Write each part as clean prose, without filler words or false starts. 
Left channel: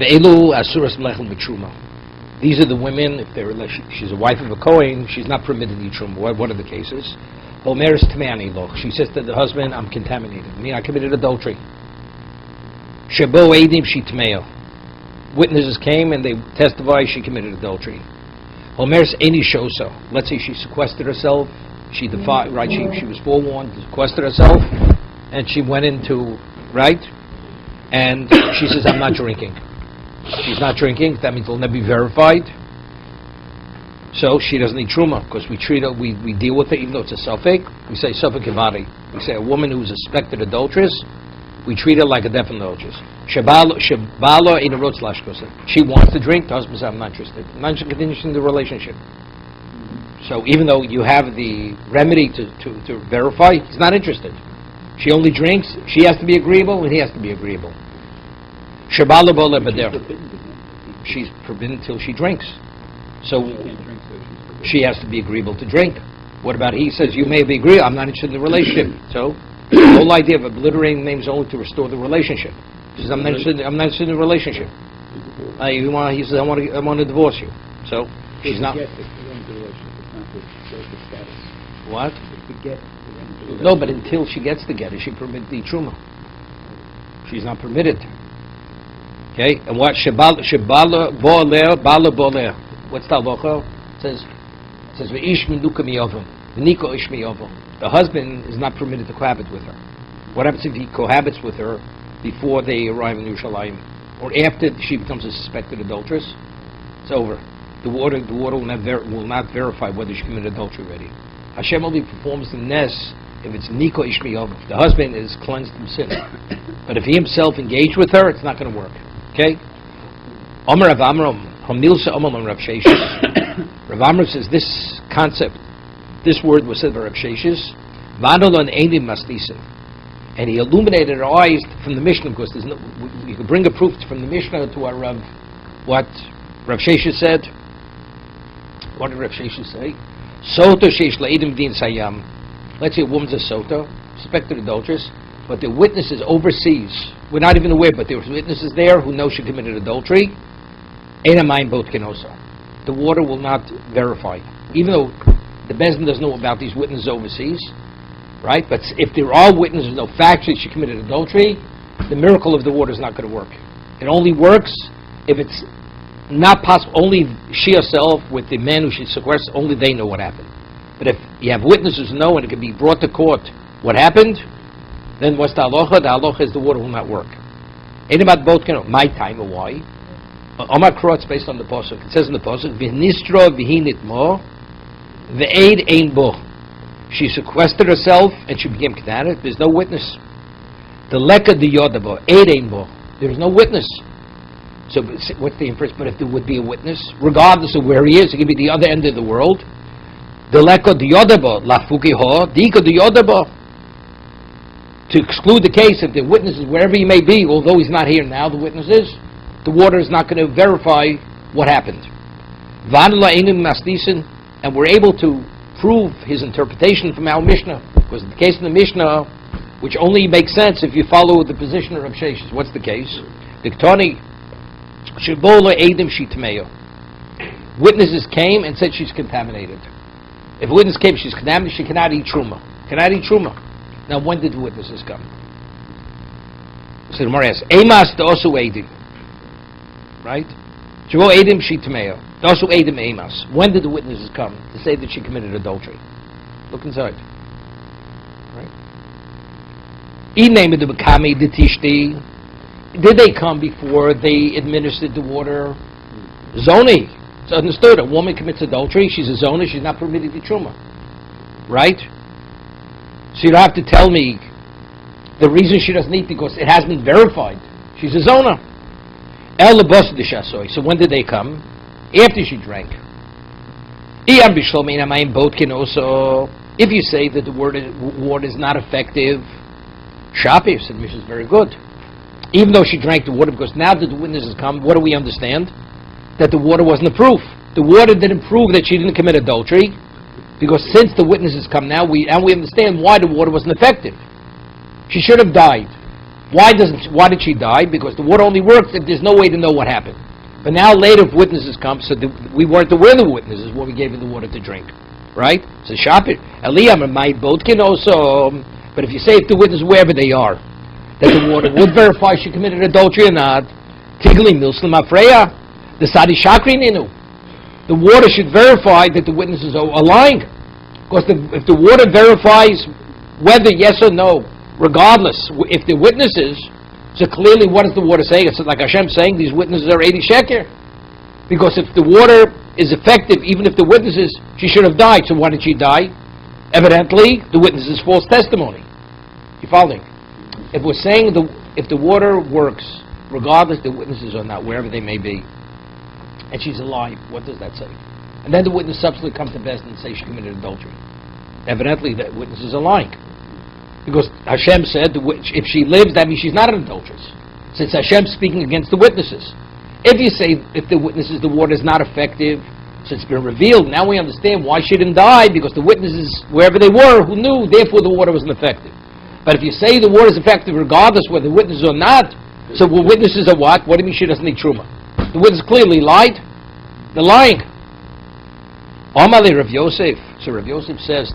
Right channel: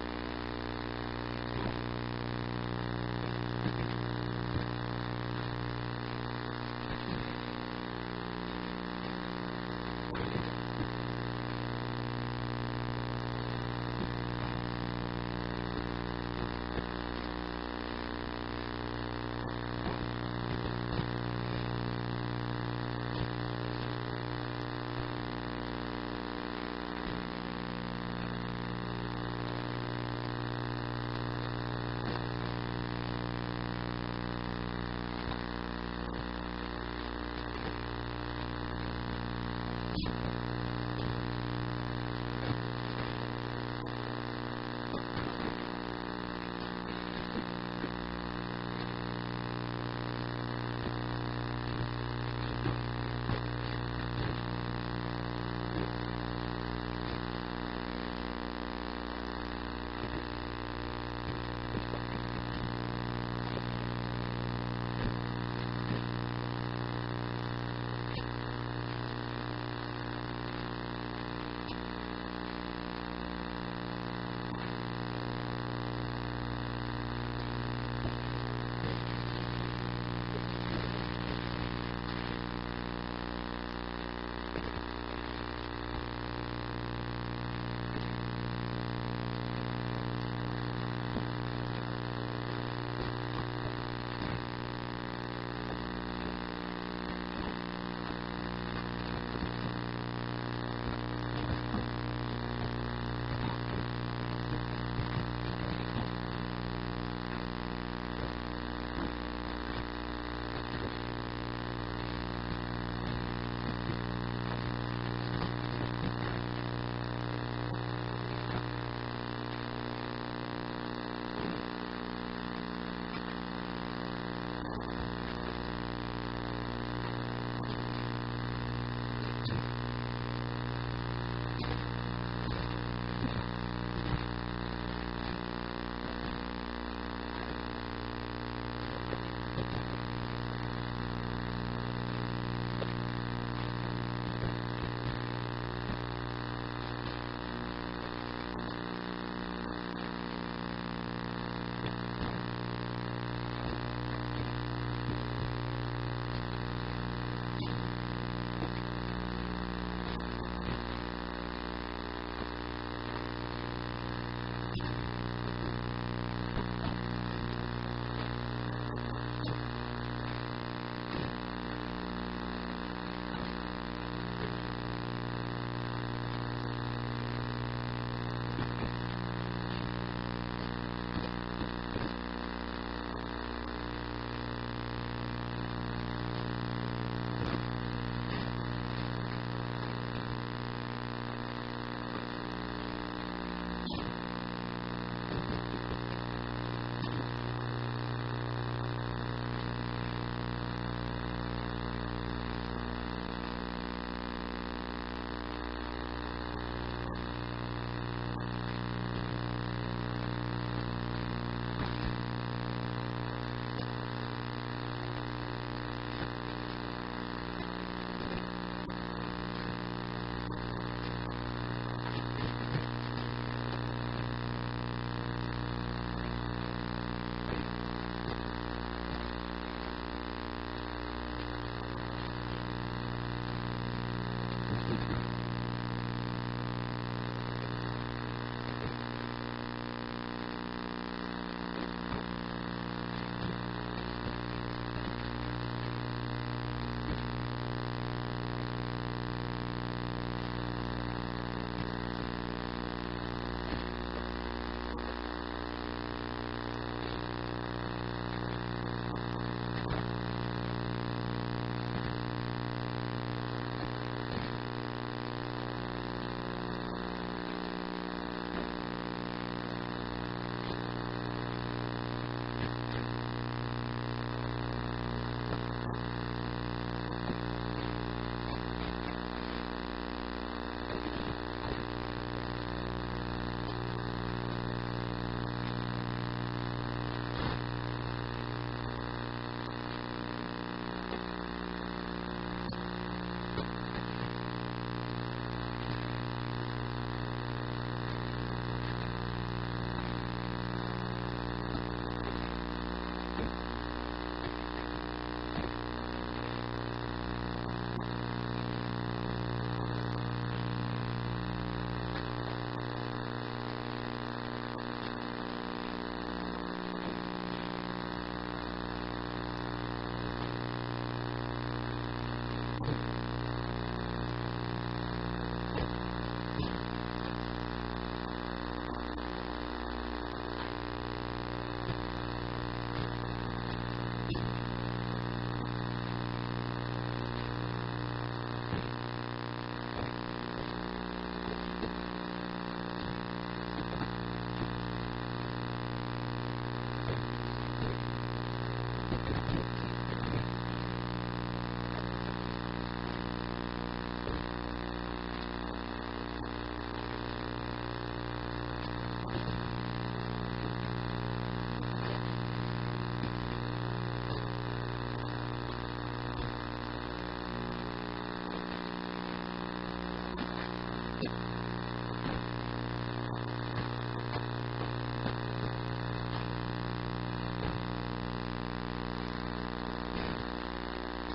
Ve'elu asuras mlechem b'truma. These are the women, if they're she's a wife of a Kohen, she's not permitted to eat truma. What are the cases? Omeres tmeani lo. She says to the husband, I'm contaminated. I mean, I committed adultery. Shebo edim she tmeo. Witnesses came and they testified she committed adultery. Omeres eni shosa. Let's say she sequestered herself. She defied, right? She was forewarned to sequester herself, and she went into, right? And she says, I'm not drinking. She's not drinking. That means it'll never be verified. So she doesn't need truma because we treat her, we deal with it even though it's a suffix. We say suffix kivadi. We say a woman who's a suspected adulteress, we treat her like a definite adulteress. She wants to drink. The husband says, I'm not interested. I'm not interested in the relationship. So even though you have the remedy to verify, he's not interested. She only drinks. She has to be agreeable, and he has to be agreeable. She's forbidden until she drinks. So she has to be agreeable to drink. What about he says, you may be agreeable, I'm not interested in the relationship. So the whole idea of obliterating names only to restore the relationship. He says, I'm not interested in the relationship. He says, I want to divorce you. So she's not. What? No, but until she gets the get, is she permitted to eat truma? She's not permitted. Okay, and what shebala boler? What's the halacha? It says v'ish minuka miyovim, v'niko ish miyovim. The husband is not permitted to cohabit with her. What happens if he cohabits with her before they arrive in Yerushalayim, or after she becomes a suspected adulteress? It's over. The water will not verify whether she committed adultery already. Hashem only performs the nes if it's niko ish miyovim. The husband is cleansed from sin. But if he himself engaged with her, it's not going to work. Okay? Omer Rav Amram, from Milsa Omer Rav Sheshes. Rav Amram says this concept, this word was said by Rav Sheshes, Vadolon Einim Mastisen. And he illuminated our eyes from the Mishnah, because you could bring a proof from the Mishnah to our Rav, what Rav Sheshes said. What did Rav Sheshes say? Soto Shesh La'edim Din Sayam. Let's say a woman's a soto, suspected adulteress, but the witnesses overseas, we're not even aware, but there were witnesses there who know she committed adultery. The water will not verify, even though the Bezdin doesn't know about these witnesses overseas, right? But if there are witnesses who know factually she committed adultery, the miracle of the water is not going to work. It only works if it's not possible. Only she herself with the man who she sequestered, only they know what happened. But if you have witnesses who know and it can be brought to court what happened, then what's the halacha? The halacha is the water will not work. Ain't about both, my time or why. Omar Krotz based on the pasuk. It says in the pasuk, "V'nistra v'hinit mo, v'eid ein bo." She sequestered herself and she became k'nanet. There's no witness. The leka di yodabo, eid ein bo. There's no witness. So what's the inference? But if there would be a witness, regardless of where he is, it could be the other end of the world. The leka di yodabo, lafuki ho, dika di yodabo. To exclude the case, if the witness is wherever he may be, although he's not here now, the witness is, the water is not going to verify what happened. And we're able to prove his interpretation from our Mishnah. Because in the case of the Mishnah, which only makes sense if you follow the position of Rav Sheshes. What's the case? Witnesses came and said she's contaminated. If a witness came, she's contaminated, she cannot eat truma. Cannot eat truma. Now, when did the witnesses come? So the Gemara asks, Emas also Eidim. Right? Shavo Eidim she Tameo. Also Eidim Emas. When did the witnesses come to say that she committed adultery? Look inside. Did they come before they administered the water? Zoni. It's understood. A woman commits adultery. She's a zona. She's not permitted to truma. Right? So you don't have to tell me the reason she doesn't eat because it has been verified. She's a zona. So when did they come? After she drank. If you say that the water is not effective, Shapir said, which is very good. Even though she drank the water, because now that the witnesses come, what do we understand? That the water wasn't a proof. The water didn't prove that she didn't commit adultery. Because since the witnesses come now, we understand why the water wasn't effective. She should have died. Why did she die? Because the water only works if there's no way to know what happened. But now later if witnesses come, so we weren't aware of the witnesses when we gave her the water to drink. Right? So Shapir, Aliyah, my boat can also, but if you say if the witnesses, wherever they are, that the water would verify she committed adultery or not, Tigli Milslim Afreya, the Sadi Shakri Ninu. The water should verify that the witnesses are lying. Because if the water verifies whether yes or no, regardless, if the witnesses, so clearly what is the water saying? It's like Hashem saying these witnesses are 80 sheker. Because if the water is effective, even if the witnesses, she should have died. So why did she die? Evidently, the witnesses' false testimony. You following? If we're saying if the water works, regardless the witnesses are not, wherever they may be, and she's alive, what does that say? And then the witness subsequently comes to Bezdin and say she committed adultery. Evidently, the witnesses are lying. Because Hashem said, if she lives, that means she's not an adulteress. Since Hashem's speaking against the witnesses. If you say, if the witnesses, the water is not effective, so it's been revealed, now we understand why she didn't die, because the witnesses, wherever they were, who knew, therefore the water wasn't effective. But if you say the water is effective regardless whether the witnesses or not, so the witnesses are what? What do you mean she doesn't need truma? The witnesses clearly lied. They're lying. Amali Rav Yosef. So Rav Yosef says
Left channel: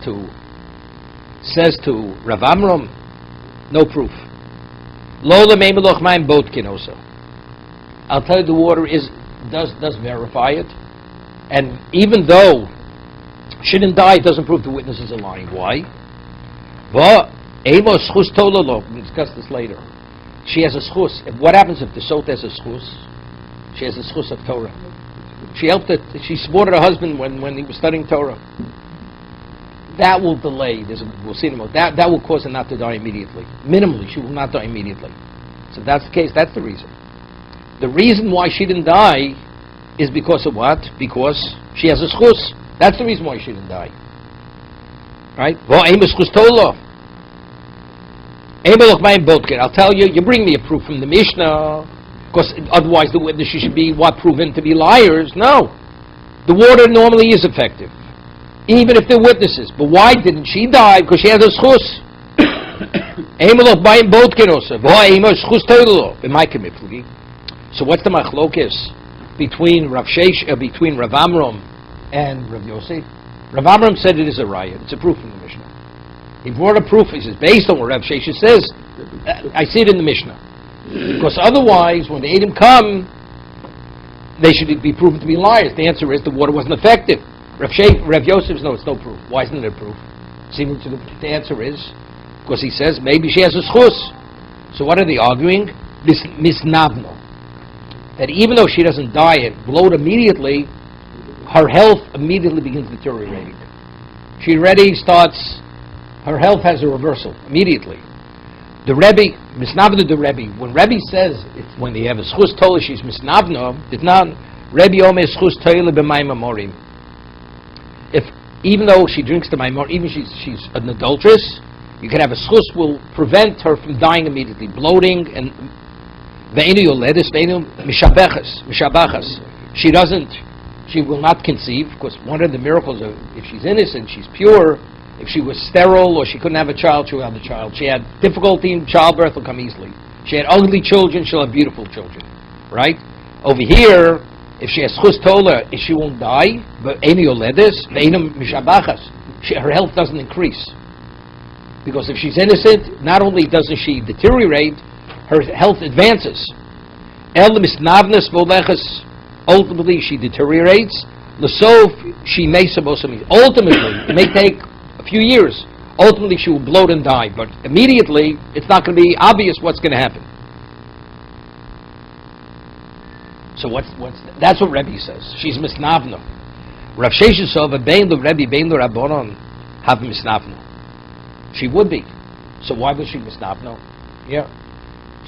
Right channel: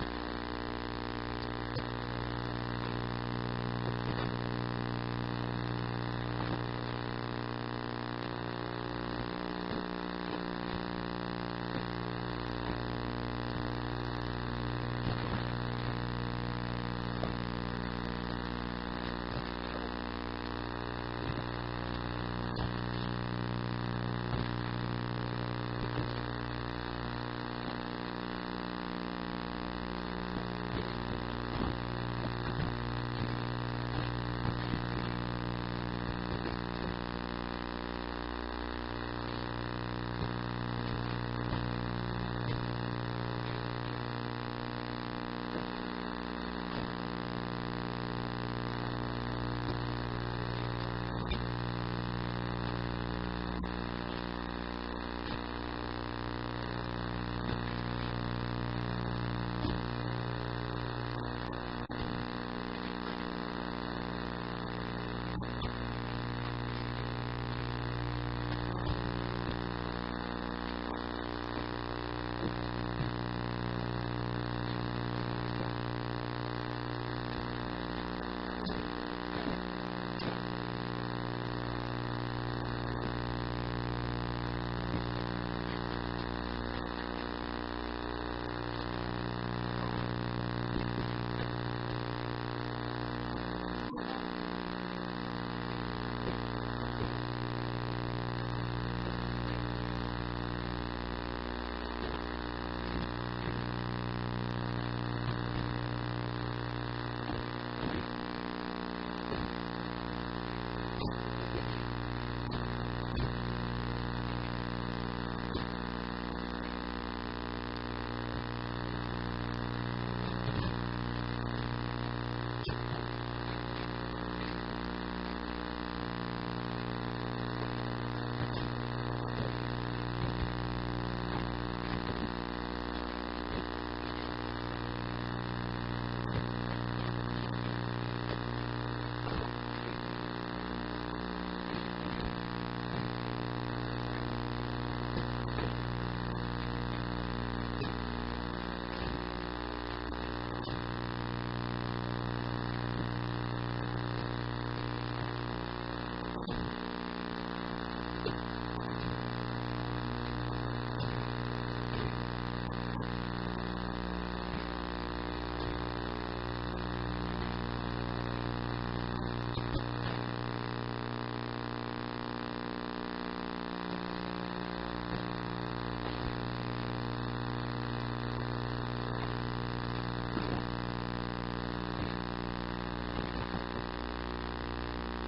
to Rav Amram, no proof. Lo lemei meloch mayim botkin also. I'll tell you, the water does verify it, and even though she didn't die, it doesn't prove the witnesses are lying. Why? Well, emos schus tololo. We'll discuss this later. She has a schus. What happens if the sot has a schus? She has a schus of Torah. She helped it. She supported her husband when he was studying Torah. That will delay. We'll see in a moment. That will cause her not to die immediately. Minimally, she will not die immediately. So if that's the case. That's the reason. The reason why she didn't die is because of what? Because she has a schus. That's the reason why she didn't die. Right? I'll tell you, you bring me a proof from the Mishnah, because otherwise the witnesses should be proven to be liars. No. The water normally is effective, even if they're witnesses. But why didn't she die? Because she has a schus. So what's the machlokes between Rav Amram and Rav Yosef? Rav Amram said it is a raya. It's a proof in the Mishnah. He brought a proof. He says, based on what Rav Shesha says, I see it in the Mishnah. Because otherwise, when the Edom come, they should be proven to be liars. The answer is the water wasn't effective. Rav Yosef says, no, it's no proof. Why isn't there proof? The answer is, because he says, maybe she has a schus. So what are they arguing? Misnabno. That even though she doesn't die and bloat immediately, her health immediately begins deteriorating. She already starts, her health has a reversal immediately. The Rebbe, Misnavna the Rebbe, when Rebbe says, when they have a schus tola, she's Misnavna, it's not, Rebbe ome schus tola b'mayim amorim. If, even though she drinks the maimor, even she's an adulteress, you can have a schus will prevent her from dying immediately, bloating and she will not conceive, because one of the miracles of, if she's innocent, she's pure, if she was sterile or she couldn't have a child, she will have a child. She had difficulty in childbirth, will come easily. She had ugly children, she'll have beautiful children. Right? Over here, if she has chus tola, she won't die, but her health doesn't increase. Because if she's innocent, not only doesn't she deteriorate, her health advances. Ultimately, she deteriorates. Ultimately, it may take a few years. Ultimately, she will bloat and die. But immediately, it's not going to be obvious what's going to happen. So that's what Rebbe says. She's misnavna. Rav Shesha Sova bein the Rebbe bein the Rabbanon have misnavna. She would be. So why was she misnavna? Yeah.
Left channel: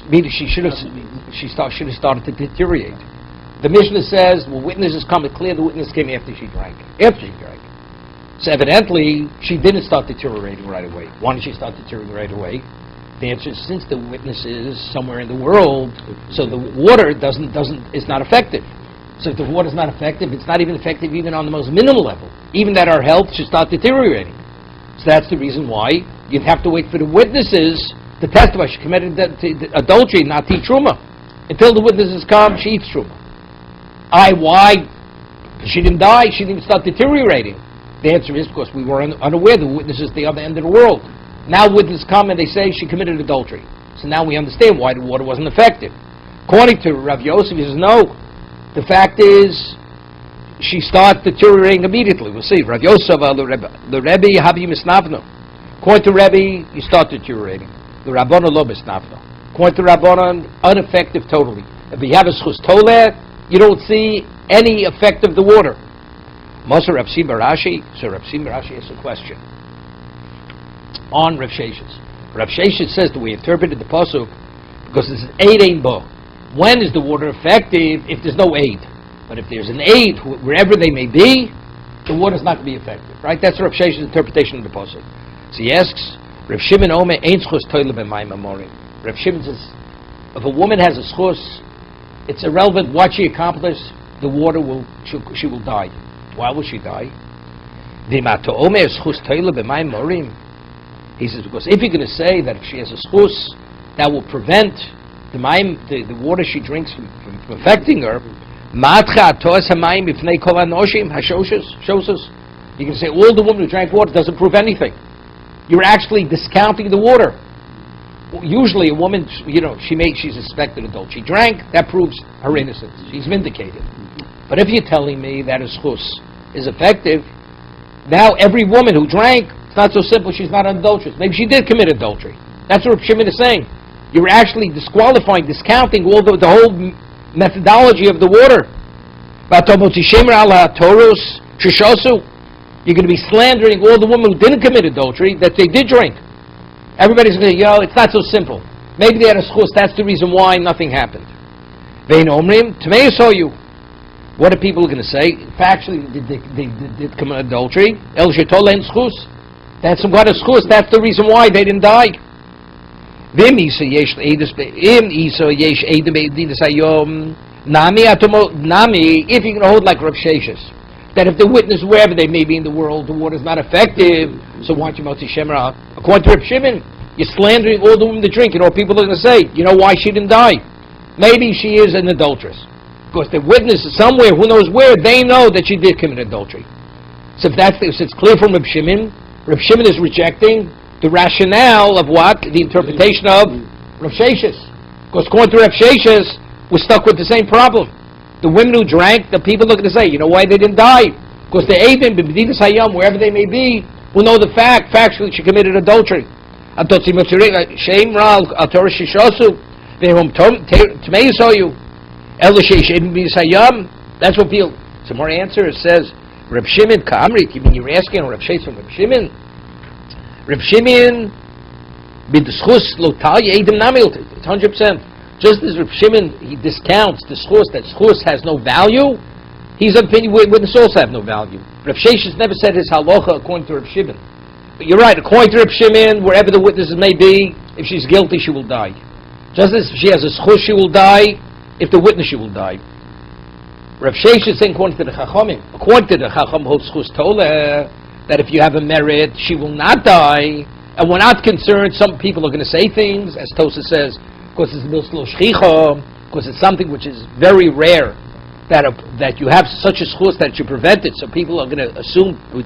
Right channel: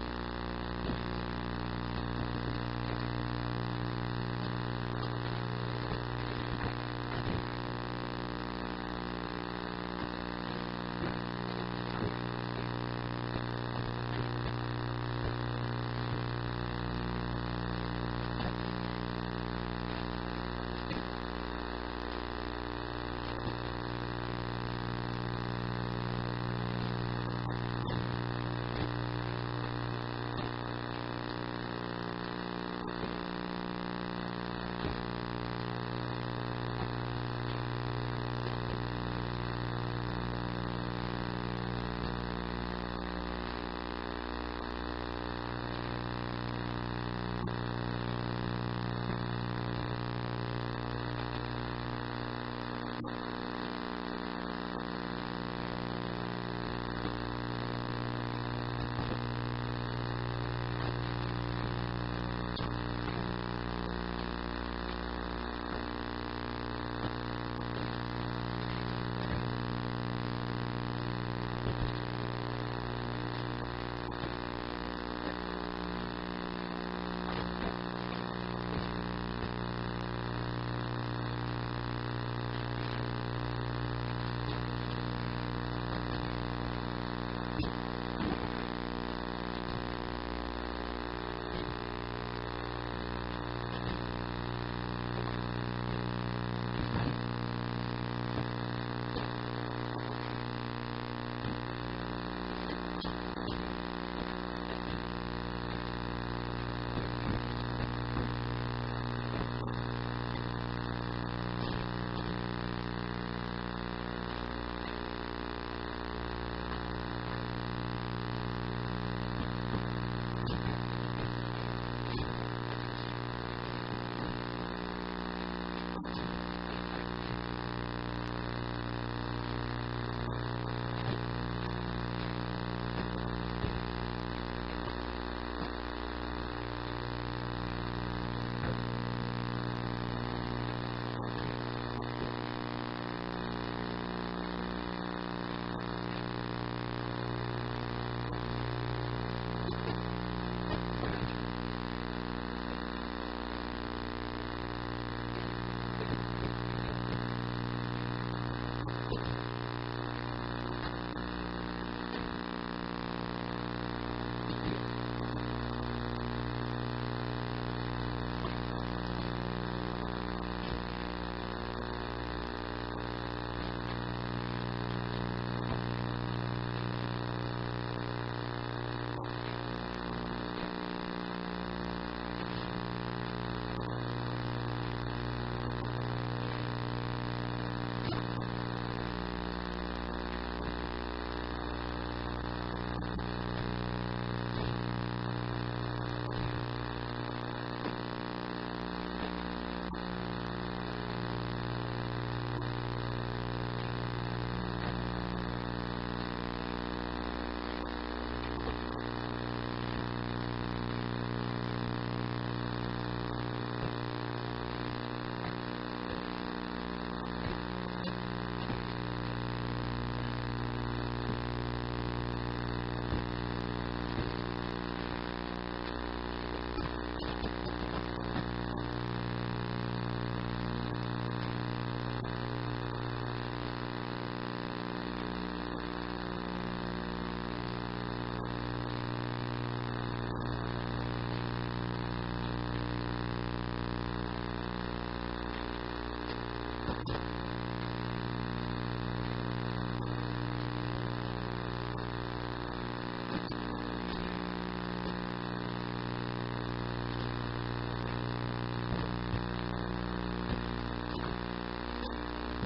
Meaning she should have started to deteriorate. The Mishnah says, well, witnesses come, it's clear the witness came after she drank. So evidently, she didn't start deteriorating right away. Why didn't she start deteriorating right away? The answer is, since the witness is somewhere in the world, so the water is not effective. So if the water is not effective, it's not even effective even on the most minimal level. Even that our health should start deteriorating. So that's the reason why you'd have to wait for the witnesses to testify she committed adultery, not to eat truma. Until the witnesses come, she eats truma. Why? She didn't die. She didn't start deteriorating. The answer is because we were unaware. The witness is the other end of the world. Now witnesses come and they say she committed adultery. So now we understand why the water wasn't effective. According to Rav Yosef, he says no. The fact is, she starts deteriorating immediately. We'll see. Rav Yosef, the Rebbe, Habi Misnavno. According to Rebbe, you start deteriorating. The Rabbanon lo Misnavno. According to Rabbanon, ineffective totally. If you have a schus toleh, you don't see any effect of the water. Moser Rav Shimon Rashi. So Rav Shimon Rashi has a question on Rav Sheshes. Rav Sheshes says that we interpreted the pasuk because it's an aid ein bo. When is the water effective? If there's no aid. But if there's an aid, wherever they may be, the water is not going to be effective. Right? That's Rav Sheshes' interpretation of the pasuk. So he asks, Rav Shimon Omer ein schus toile b'mayim amorim. Rav Shimon says, if a woman has a schus, it's irrelevant what she accomplished. The water she will die. Why will she die? He says, because if you're going to say that if she has a schus, that will prevent the water she drinks from affecting her, you can say all the women who drank water doesn't prove anything. You're actually discounting the water. Usually a woman, she's a suspected adult. She drank, that proves her innocence. She's vindicated. But if you're telling me that a schus is effective, now every woman who drank, it's not so simple, she's not adulterous. Maybe she did commit adultery. That's what Shimon is saying. You're actually disqualifying, discounting all the whole methodology of the water. You're going to be slandering all the women who didn't commit adultery, that they did drink. Everybody's going to say, it's not so simple. Maybe they had a schus, that's the reason why nothing happened. What are people going to say? Factually, they did commit adultery. El shetolen schus. That's what a schus. That's the reason why they didn't die. If you're going to hold like Rav Sheshes, that if the witness, wherever they may be in the world, the water is not effective, so why don't you motzi shemra? According to Rav Shimon, you're slandering all the women that drink. People are going to say, why she didn't die? Maybe she is an adulteress. Because the witness is somewhere, who knows where, they know that she did commit adultery. So if it's clear from Rav Shimon is rejecting the rationale of what? The interpretation of Rav Sheshes. Because according to Rav Sheshes, we're stuck with the same problem. The women who drank, the people are going to say, why they didn't die? Because the Eidim, B'Medinas Hayam, wherever they may be, will know the fact, factually she committed adultery. Shame Ral, Al-Torah Shishosu, Vehum Tmei Soyu. That's what people. Some more answer. It says, Reb Shimon Ka'amrit. You're asking Reb Sheshes Reb Shimon. Reb Shimon b'deschus lotal yedim namil. It's 100%. Just as Reb Shimon, he discounts the schus, that schus has no value. He's of opinion witnesses also have no value. Reb Sheshes never said his halacha according to Reb Shimon. But you're right. According to Reb Shimon, wherever the witnesses may be, if she's guilty, she will die. Just as if she has a schus, she will die. If the witness, she will die. Rav Sheshes is saying, according to the Chachamim, holds schus toleh, that if you have a merit, she will not die, and we're not concerned. Some people are going to say things, as Tosa says, because it's milslo shchicha, because it's something which is very rare, that you have such a schus that you prevent it. So people are going to assume with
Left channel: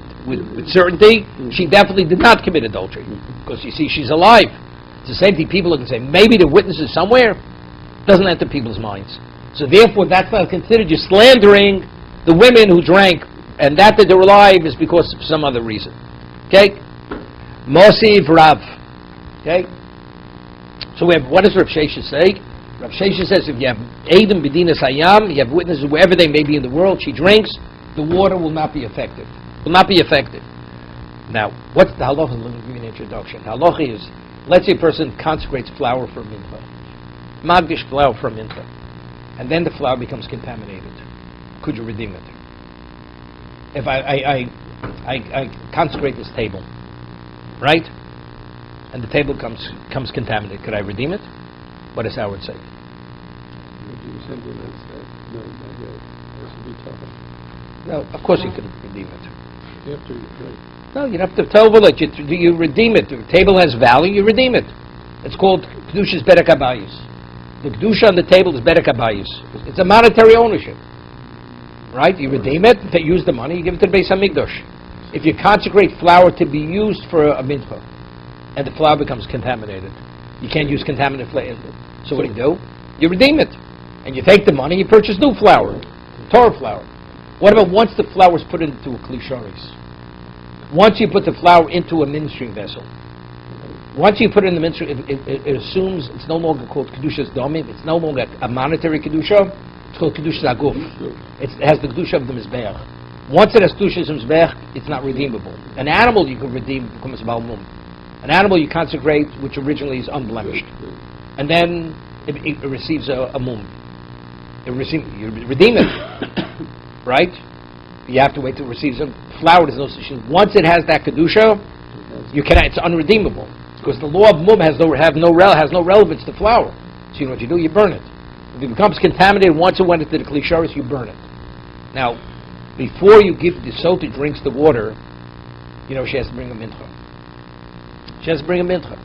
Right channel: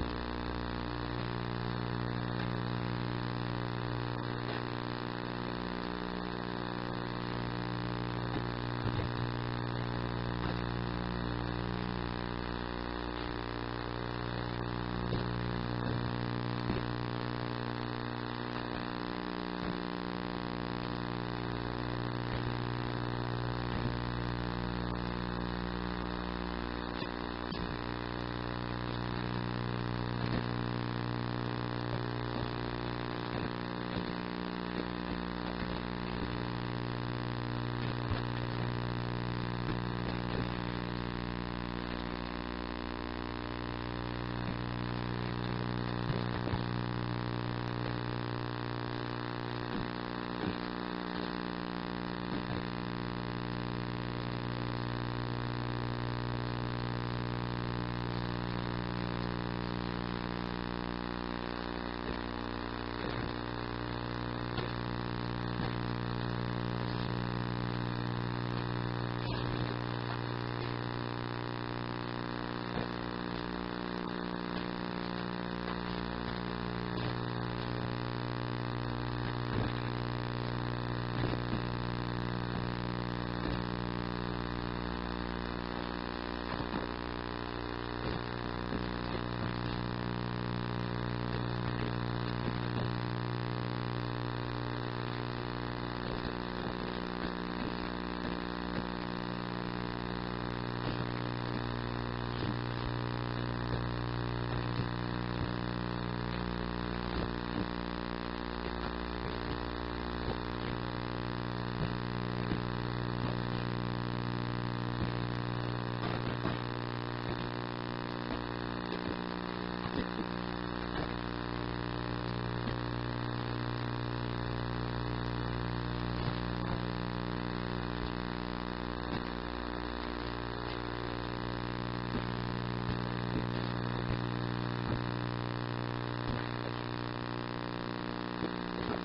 certainty she definitely did not commit adultery, because you see she's alive. It's the same thing. People are going to say maybe the witness is somewhere. Doesn't enter people's minds. So therefore, that's not considered. You're slandering the women who drank, and that they're alive is because of some other reason. Okay? Mosiv Rav. Okay? So what does Rav Sheshes say? Rav Sheshes says if you have Eidim B'Dinas Hayam, you have witnesses wherever they may be in the world, she drinks, the water will not be effective. Will not be effective. Now, what's the halacha? Let me give you an introduction. Halacha is, let's say a person consecrates flour for mincha. Magdish flour for mincha. And then the flour becomes contaminated. Could you redeem it? If I consecrate this table, right? And the table comes contaminated, could I redeem it? What does Howard say? No, of course you can redeem it. You have to replace. No, you don't have to tell it. You redeem it. The table has value, you redeem it. It's called Kedusha's Bedek Habayis. The Kedusha on the table is Bedek Habayis. It's a monetary ownership. Right? You redeem it, you use the money, you give it to the Beis HaMikdash. If you consecrate flour to be used for a mincha, and the flour becomes contaminated, you can't use contaminated flour. So what do? You redeem it. And you take the money, you purchase new flour, Torah flour. What about once the flour is put into a kli sharis? Once you put the flour into a ministering vessel, once you put it in the ministry, it assumes it's no longer called Kedusha's Domim, it's no longer a monetary Kedusha, it's called Kedusha's Aguf. It has the Kedusha of the Mizbeach. Once it has Kedusha's Mizbeach, it's not redeemable. An animal you can redeem becomes a Baal Mum. An animal you consecrate, which originally is unblemished. And then it receives a Mum. You redeem it, right? You have to wait till it receives a flour. There's no such thing. Once it has that Kedusha, it's unredeemable. Because the law of Mum has no relevance to flour. So you know what you do? You burn it. If it becomes contaminated, once it went into the Kli Sharis, you burn it. Now, before you give the sota drinks the water, she has to bring a mincha. She has to bring a mincha.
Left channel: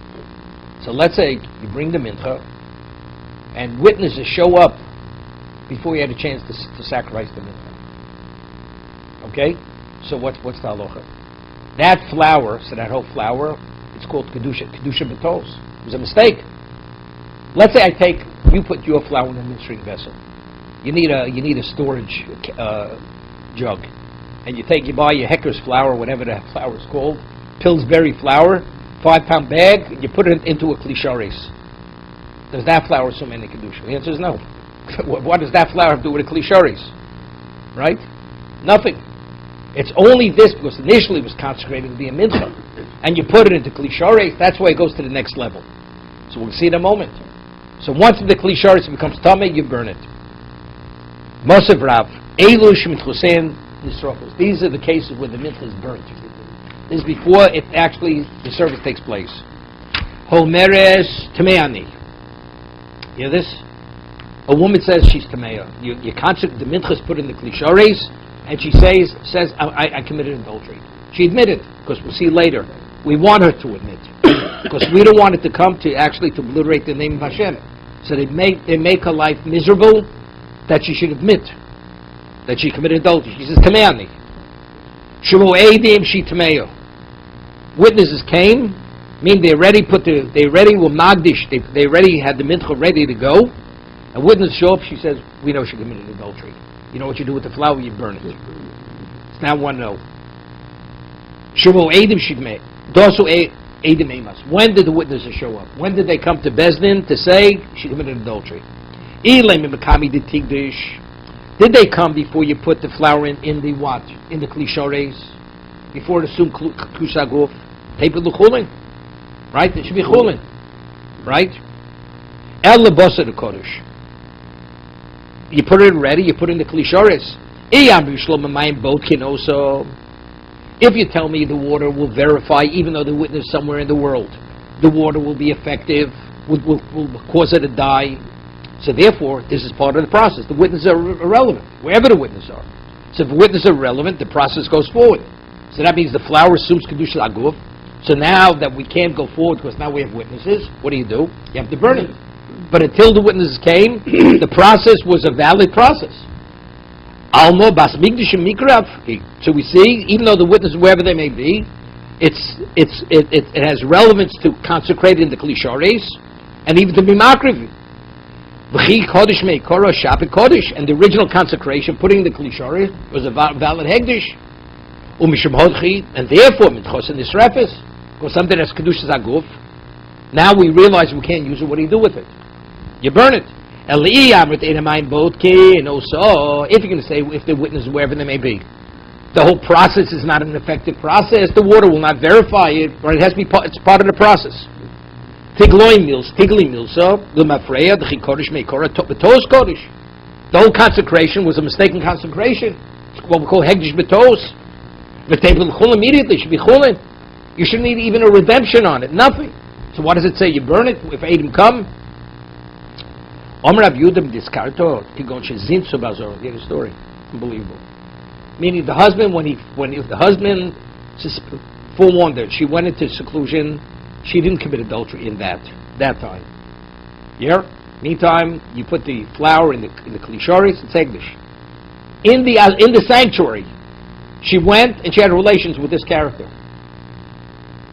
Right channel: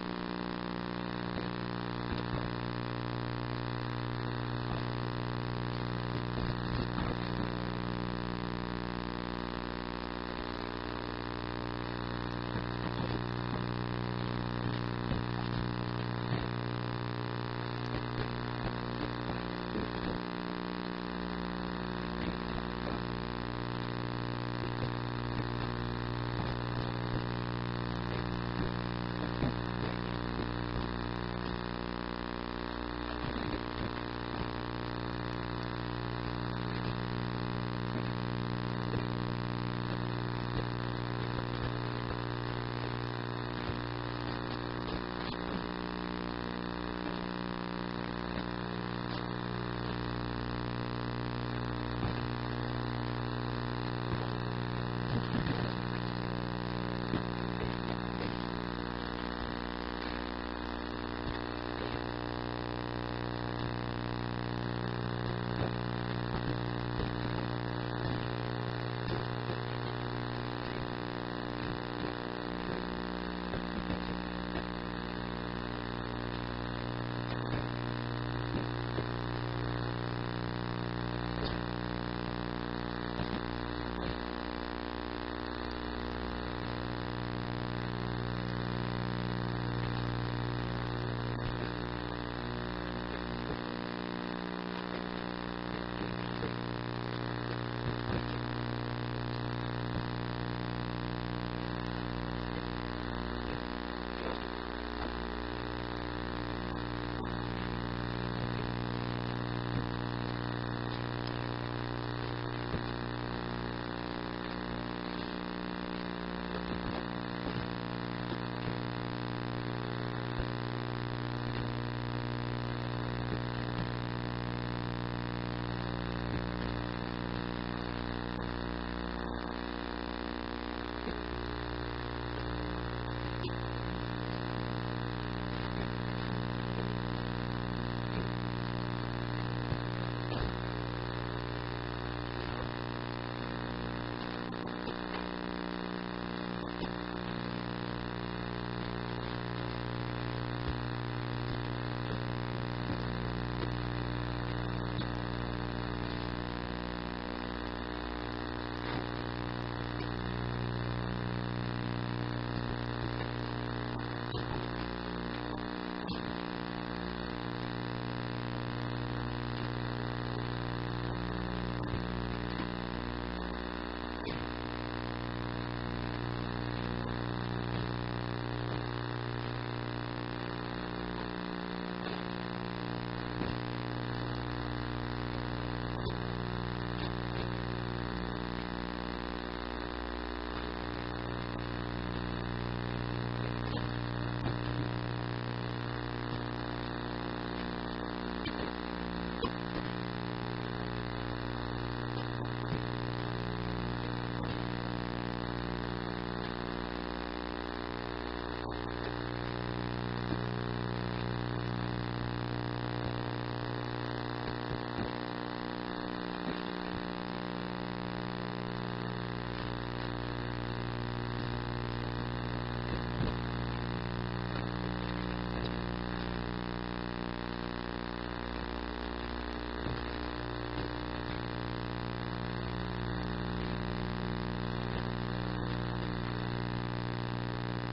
So let's say you bring the mincha, and witnesses show up before you had a chance to sacrifice the mincha. Okay? So what's the halacha? That flour, so that whole flour, it's called Kedusha B'tos. It was a mistake. Let's say you put your flour in a ministering vessel. You need a storage jug. And you buy your Hecker's flour, whatever that flour is called, Pillsbury flour, 5-pound bag, you put it into a Kli Sharis. Does that flour assume any Kedusha? The answer is no. What does that flour have to do with a Kli Sharis? Right? Nothing. It's only this because initially it was consecrated to be a mincha. And you put it into Kli Sharis, that's why it goes to the next level. So we'll see in a moment. So once the Kli Sharis becomes tameh, you burn it. Mosev Rav, Elu Shemitchusein Yisrofos. These are the cases where the mincha is burnt. This is before the service takes place. Homeres Tameani. You hear this? A woman says she's Tameya. You consecrate, the mincha is put in the Kli Sharis, and she says I committed adultery. She admitted, because we'll see later. We want her to admit, because we don't want it to come to obliterate the name of Hashem. So they make her life miserable, that she should admit that she committed adultery. She says, Tameani. Shavu Eidim she Tameya. Witnesses came, mean they already were magdish, they already had the mincha ready to go. A witness show up, she says, we know she committed adultery. You know what you do with the flour? You burn it. It's now 1-0. Shavu Eidim she Tameya. When did the witnesses show up? When did they come to Bezdin to say she committed adultery? Did they come before you put the flour in the what? In the Kli Sharis? Before it assumed Kedusha Aguf? Tape the chulin. Right? It should be chulin. Right? El lebasa the kodesh. You put it ready, you put it in the Kli Sharis. If you tell me the water will verify, even though the witness is somewhere in the world, the water will be effective, will cause her to die. So therefore, this is part of the process. The witnesses are irrelevant, wherever the witnesses are. So if the witnesses are relevant, the process goes forward. So that means the flour assumes Kedusha Aguf. So now that we can't go forward because now we have witnesses, what do? You have to burn it. But until the witnesses came, the process was a valid process. Almo bas migdash mikrav. So we see, even though the witnesses, wherever they may be, it has relevance to consecrate in the Kli Sharis, and even to be makriv. V'chi kodesh meikora shapik kodesh, and the original consecration, putting the Kli Sharis, was a valid hegdish. Umishum hodchi, and therefore mitchos and nisrefes, or something that's Kedusha's Aguf. Now we realize we can't use it. What do you do with it? You burn it. And also, if you're going to say, if the witness, wherever they may be, the whole process is not an effective process, the water will not verify it, or it has to be it's part of the process. Tigli mills, so the whole consecration was a mistaken consecration. What we call hegdish betos. Immediately should be chulin. You shouldn't need even a redemption on it. Nothing. So what does it say? You burn it if Adam come. Hear the story. Unbelievable. Meaning the husband, when the husband forewarned her, she went into seclusion. She didn't commit adultery in that. that time. Yeah? Meantime, you put the flour in the klishoris, it's Egdish. In the sanctuary, she went and she had relations with this character.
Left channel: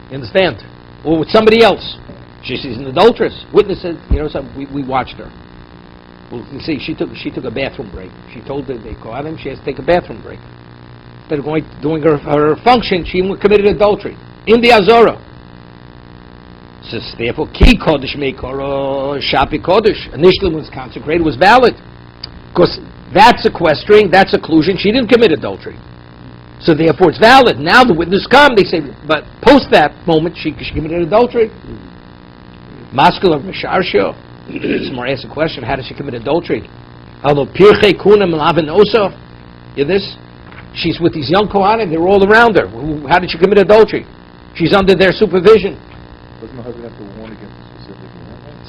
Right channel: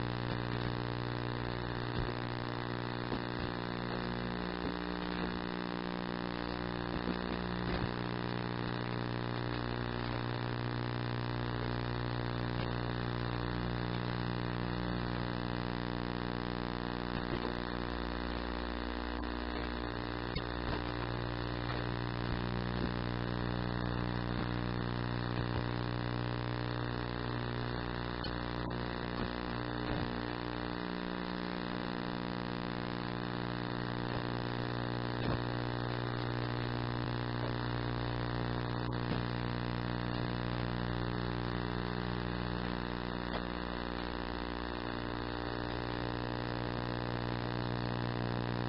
You understand? Or with somebody else. She's an adulteress. Witnesses, we watched her. Well, you see, she took a bathroom break. She told the Kohanim she has to take a bathroom break. Instead of doing her function, she committed adultery in the Azorah. So therefore, Ki Kodesh Meikor Shapi Kodesh. Initially, when it was consecrated, was valid. Because that's sequestering, that's occlusion. She didn't commit adultery. So therefore, it's valid. Now the witnesses come, they say, but post that moment, she committed adultery. Maskul of Misharsho. Somebody asks a question, how does she commit adultery? Although Pirchei Kunam Lavin Osov, hear this? She's with these young Kohanim, they're all around her. How did she commit adultery? She's under their supervision.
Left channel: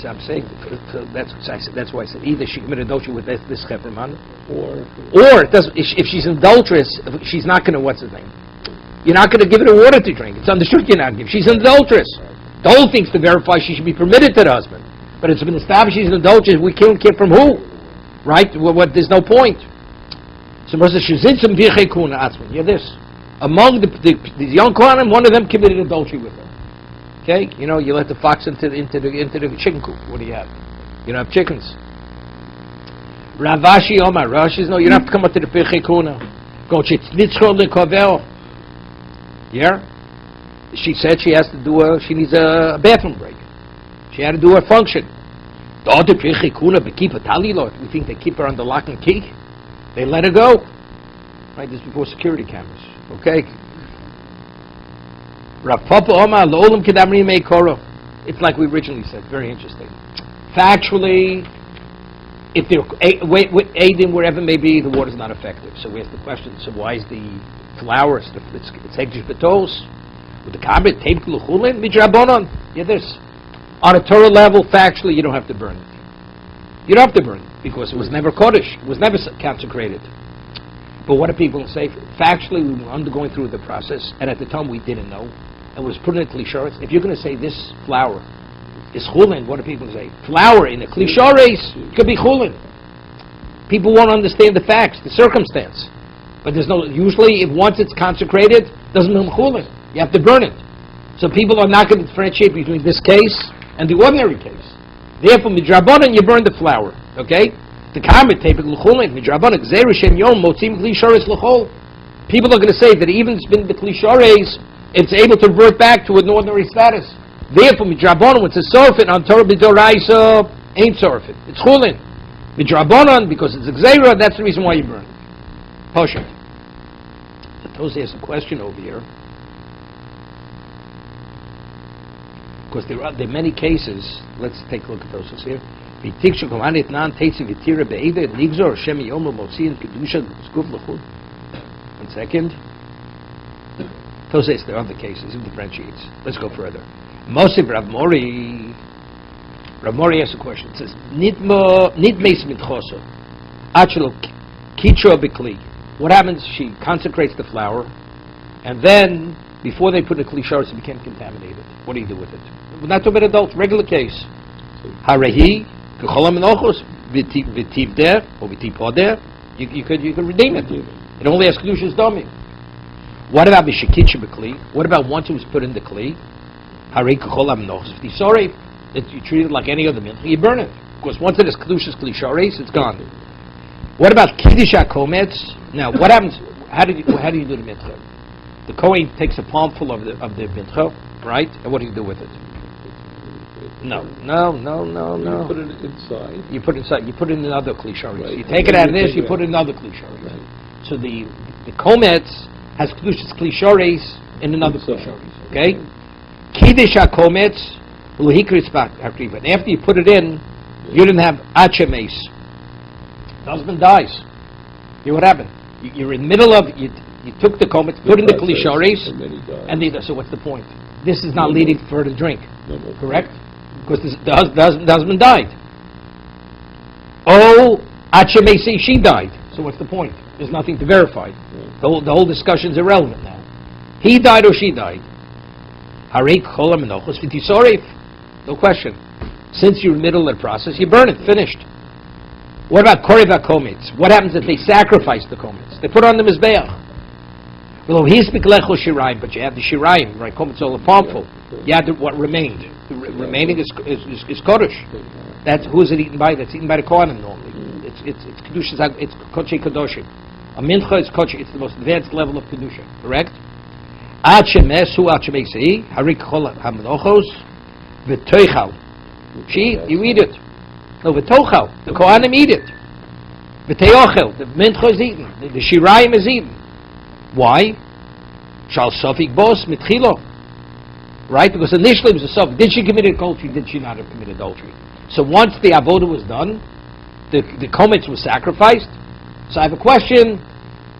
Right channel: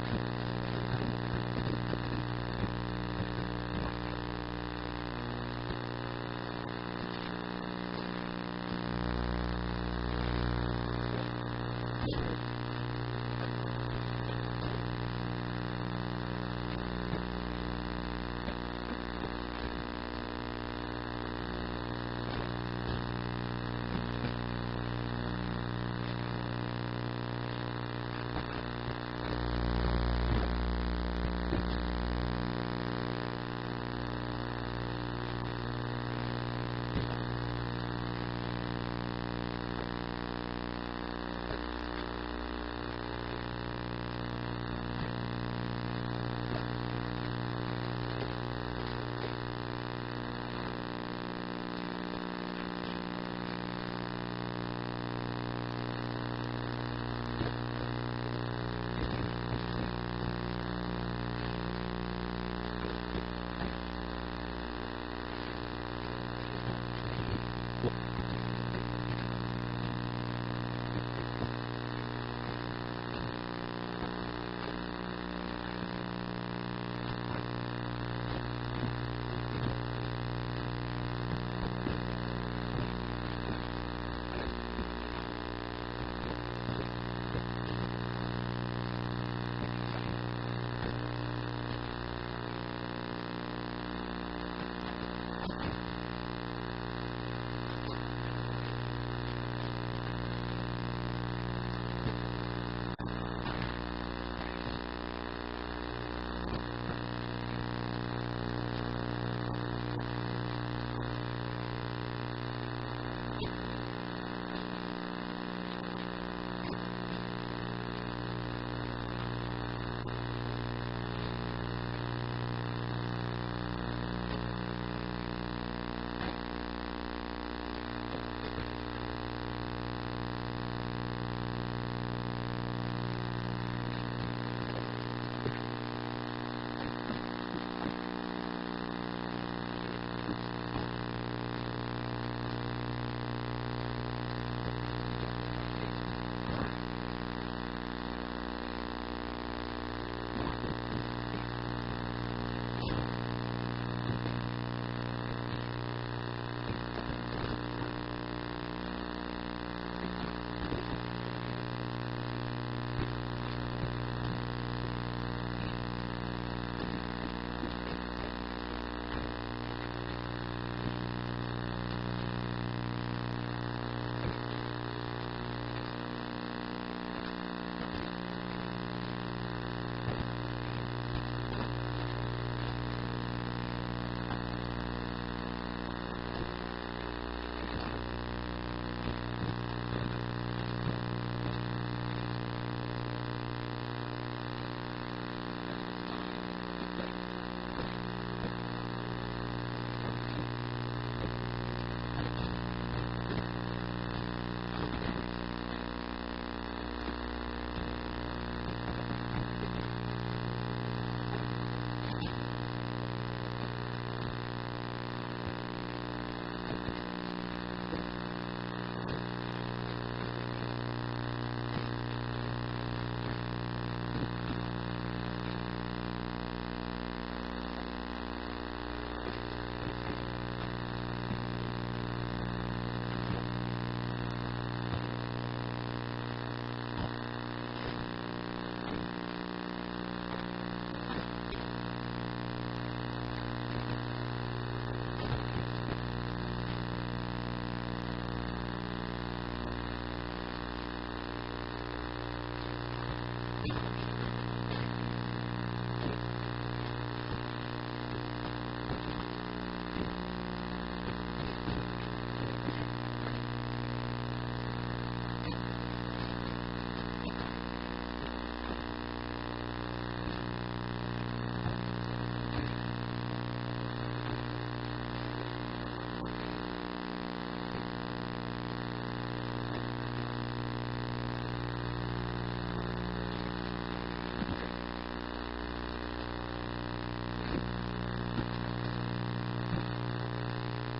So I'm saying, that's why I said either she committed adultery with this Chevron, or if she's an adulteress, she's not going to, what's his name? You're not going to give her water to drink. It's understood you're not going to give. She's an adulteress. The whole thing's to verify she should be permitted to the husband. But it's been established she's an adulteress. We can't get from who? Right? There's no point. So she's in some virchei kuna atzman. Hear this. Among the young Kohanim, one of them committed adultery with her. Okay? You let the fox into the chicken coop. What do you have? You don't have chickens. Ravashi Omar. Rashi says, no, you don't have to come up to the virchei kuna. Go chitznitzcho lekovel. Yeah? She said she needs a bathroom break. She had to do her function. The other pirchei kuna keep a talilot. You think they keep her under lock and key? They let her go. Right, this is before security cameras. Okay? It's like we originally said. Very interesting. Factually, if they're aiding wherever it may be, the water's not effective. So we ask the question, so why is the flour, it's Hegdish Betos, with the kabit, tape Luchulin, Midrabonon? Yeah, this. On a Torah level, factually, you don't have to burn it. You don't have to burn it, because it was never Kodesh. It was never consecrated. But what do people say? Factually, we were undergoing through the process, and at the time we didn't know. It was put in a klisharis. If you're going to say this flour is chulin, what do people say? Flour in a klisharis could be chulin. People won't understand the facts, the circumstance. But there's no, usually, if once it's consecrated, it doesn't mean chulin. You have to burn it. So people are not going to differentiate between this case and the ordinary case. Therefore, midrabanan, you burn the flour. Okay? The comment tape l'chulin midrabanan gzeir shem yom motzim klisharis l'chol. People are going to say that even if it's been the klisharis, it's able to revert back to an ordinary status. Therefore, midrabanan, when it's a sorfit on Torah b'doraisa, ain't sorfit. It's chulin. Midrabanan, because it's a gzeira, that's the reason why you burn it. Posha. Tosi has a question over here. Because there are many cases. Let's take a look at those here. One second. Tosei, there are other cases. It differentiates. Let's go further. Mosif Rav Mori asks a question. It says, Nidmeis mitchoso, achelo kitro bikli. What happens? She consecrates the flour, and then, before they put the klisharis, it became contaminated. What do you do with it? We're not talking about adults, regular case. Harehi, k'cholam enochos, v'tiv der, or v'tiv poder, you could redeem it. It only has kedushas domi. What about b'shekitcha b'kli? What about once it was put in the kli? Harehi k'cholam enochos, v'tiv sorei, you treat it like any other milk, you burn it. Because once it has kedushas klisharis, it's gone. What about kiddush hakometz? Now, what happens? How do you do the mitzvah? The Kohen takes a palmful of the mitzvah, right? And what do you do with it? No. You put it inside. You put it in another klisharis. Right. You take it out of this, you put it in another klisharis. Right. So the kometz has kedushas klisharis in another klisharis. Okay? Kiddush hakometz luhikris hakriva. And after you put it in, you didn't have achemes. The husband dies. See what happened? You're in the middle of, you took the kometz, put in the klisharis, and so what's the point? This is not leading for her to drink. Correct? Because the husband died. Oh, Ache may say she died. So what's the point? There's nothing to verify. The whole discussion's irrelevant now. He died or she died. No question. Since you're in the middle of the process, you burn it, finished. What about Koreva Komets? What happens if they sacrifice the Komets? They put on the Mizbeach. Well, he's Miklecho Shirayim, but you have the Shirayim, right? Komets all harmful. You have what remained. The remaining is Kodesh. That's, who is it eaten by? That's eaten by the Kohanim normally. It's Kedusha, it's Kodesh Kadoshim. A Mincha is Kodesh, it's the most advanced level of Kedusha, correct? Ad Shemesu, Ad Shemesei, Harik Chol HaMenochos, V'toichal. You eat it. No, V'tochal. The Kohanim eat it. V'teochel. The Mincha is eaten. The Shirayim is eaten. Why? Shal Sofik Bos Mitchilo. Right? Because initially it was a Sofik. Did she commit adultery? Did she not have committed adultery? So once the Avodah was done, the Komets was sacrificed. So I have a question.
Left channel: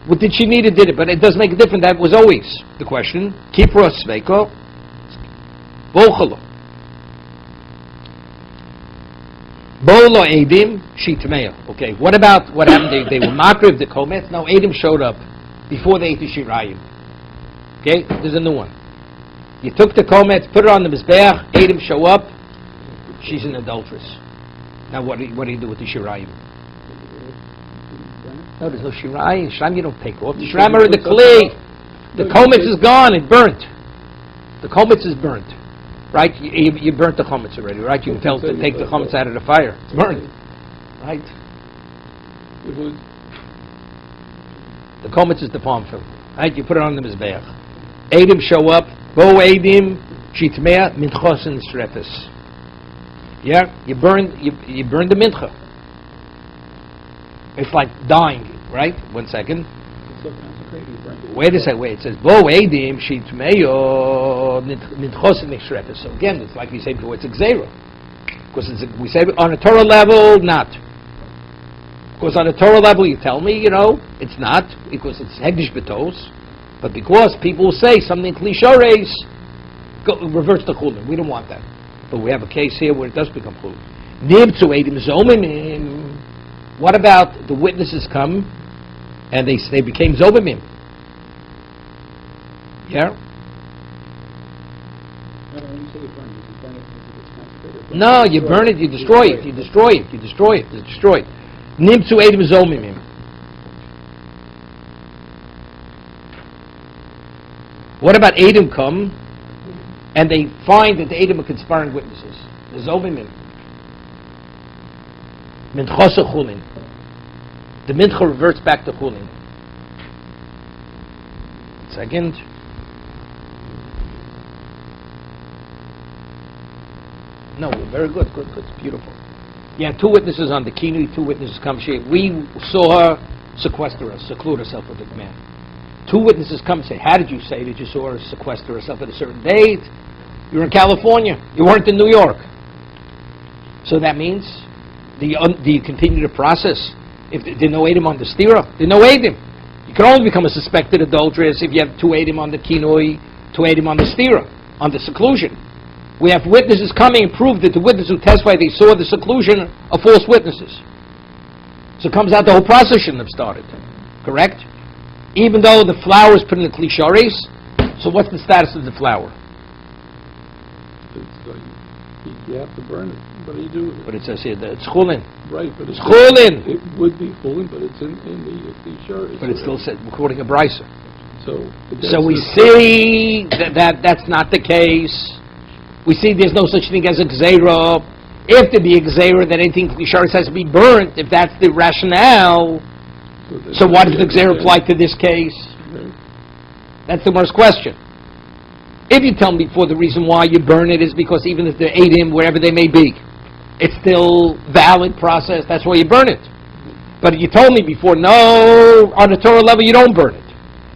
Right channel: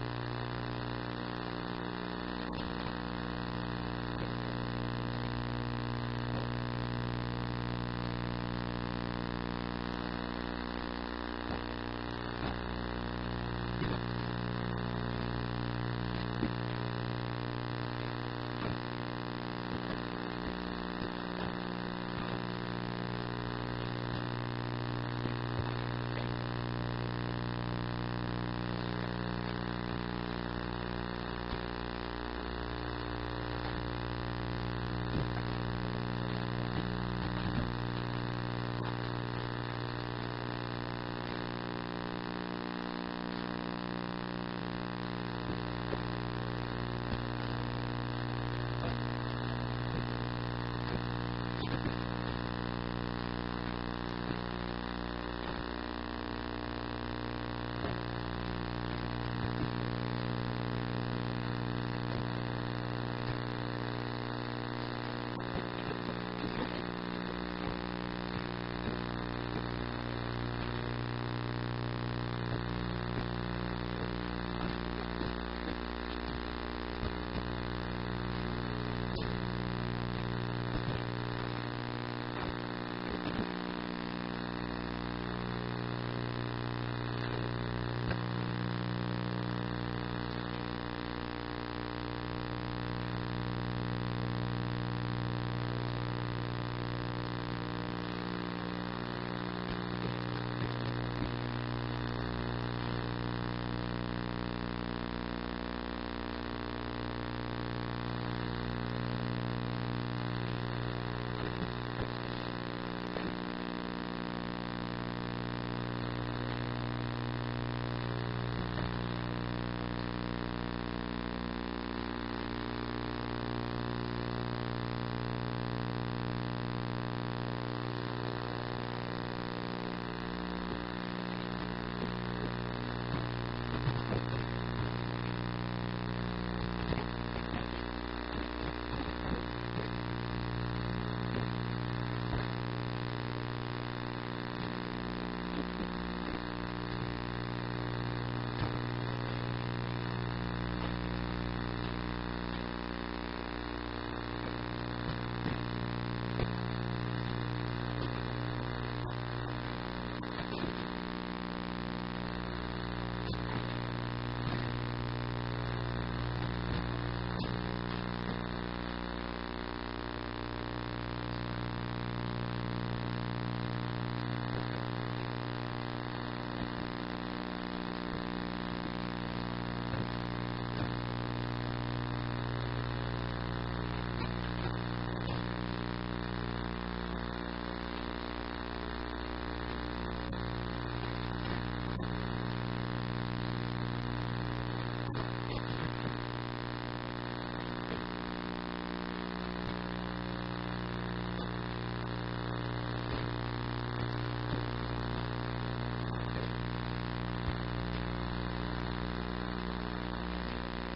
What did she need? It did it, but it does make a difference. That was always the question. Kipro Sveiko. Bochalo. Bolo Edim Shitmeya. Okay, what about what happened? They were makriv the Komets. Now Edim showed up before they ate the Shirayim. Okay, there's a new one. You took the Komets, put it on the Mizbeach, Edim show up, she's an adulteress. Now what do you do with the Shirayim? No, there's no Shirayim. Shirayim you don't take off. The Shirayim are in the clay. The Komets is gone, it's burnt. The Komets is burnt. Right? You burnt the Komets already, right? You can tell to take the Komets out of the fire. It's burnt. Right? The Komets is the palm fruit. Right? You put it on the Mizbeach. Edim show up. Bo Edim Shitmea Minchos and Strefes. Yeah? You burn the Mincha. It's like dying, right? 1 second. Wait a second. Wait. It says Bo Edim Shitmea Minchos and Strefes. So again, it's like you say, it's a Xera. Because we say on a Torah level, not. Because on a Torah level, you tell me, it's not, because it's Hegdish Betos, but because people will say something Klishores reverts to Chulin. We don't want that. But we have a case here where it does become Chulin. Nimtzu Eidim Zomimim. What about the witnesses come and they became Zomimim? Yeah? No, you burn it, you destroy it. Nimtzu Eidim Zomimim. What about Eidim come and they find that the Eidim are conspiring witnesses? The Zomimim. Minchos Chulin. The Mincha reverts back to Chulin. Second. No, very good. Beautiful. You have 2 witnesses on the Kinui, 2 witnesses come. We saw her seclude herself with the command. 2 witnesses come and say, how did you say that you saw her sequester herself at a certain date? You were in California. You weren't in New York. So that means, do you continue the process? If there's no Eidim on the stira, there's no Eidim. You can only become a suspected adulteress if you have 2 Eidim on the Kinui, 2 Eidim on the stira, on the seclusion. We have witnesses coming and prove that the witnesses who testified they saw the seclusion are false witnesses. So it comes out the whole process shouldn't have started. Correct? Even though the flour is put in the Klishores, so what's the status of the flour? You have to burn it. What do you do? But it says here that it's Chulin. Right, but it's Chulin. It would be Chulin, but it's in the Klishores. But it still says, according to Brisa. So we see that's not the case. We see there's no such thing as a Gzeira. If there be a Gzeira, that anything Klishores has to be burnt, if that's the rationale, so why does the Gzeira apply to this case? That's the worst question. If you tell me before the reason why you burn it is because even if they're Eidim, wherever they may be, it's still valid process, that's why you burn it. But if you told me before, no, on the Torah level you don't burn it.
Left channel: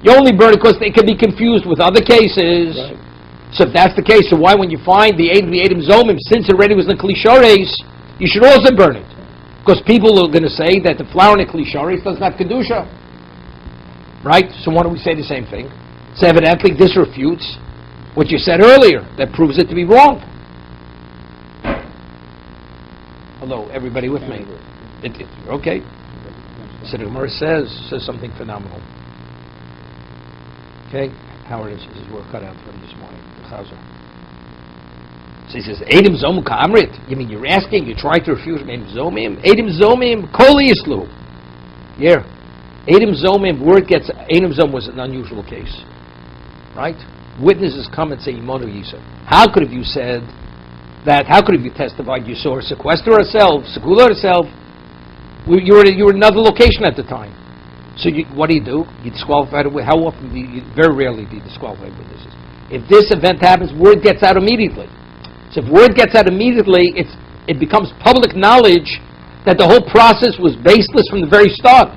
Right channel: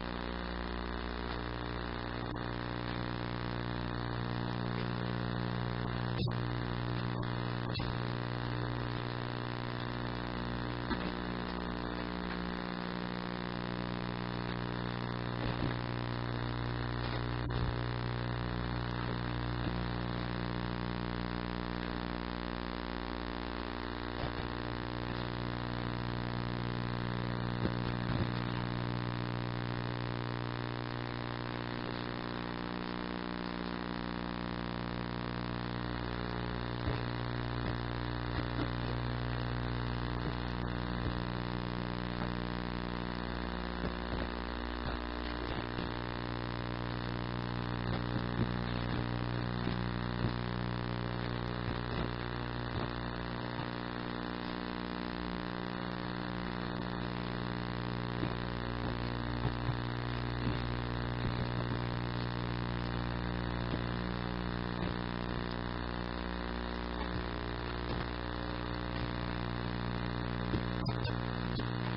You only burn it because they can be confused with other cases. Right. So if that's the case, so why when you find the Eidim Zomim, since it already was in the Klishores, you should also burn it? Because people are going to say that the flour in the Klishores doesn't have Kedusha. Right? So why don't we say the same thing? So evidently this refutes what you said earlier. That proves it to be wrong. Hello, everybody with me? Okay. So the Gemara says something phenomenal. Okay? Howard says we're cut out from this morning. So he says, Eidim Zomim Ka'amrit. You mean you're asking, you're trying to refuse Eidim Zomim? Eidim Zomim Kol Yislu. Yeah. Eidim Zomim, word gets, Eidim Zomim was an unusual case. Right? Witnesses come and say, Yimono Yiso. How could have you said that, how could have you testified you saw her sequester herself, Segula herself? You were in another location at the time. So what do? You disqualify the witness. How often do you, very rarely do you disqualify witnesses. If this event happens, word gets out immediately. So if word gets out immediately, it becomes public knowledge that the whole process was baseless from the very start.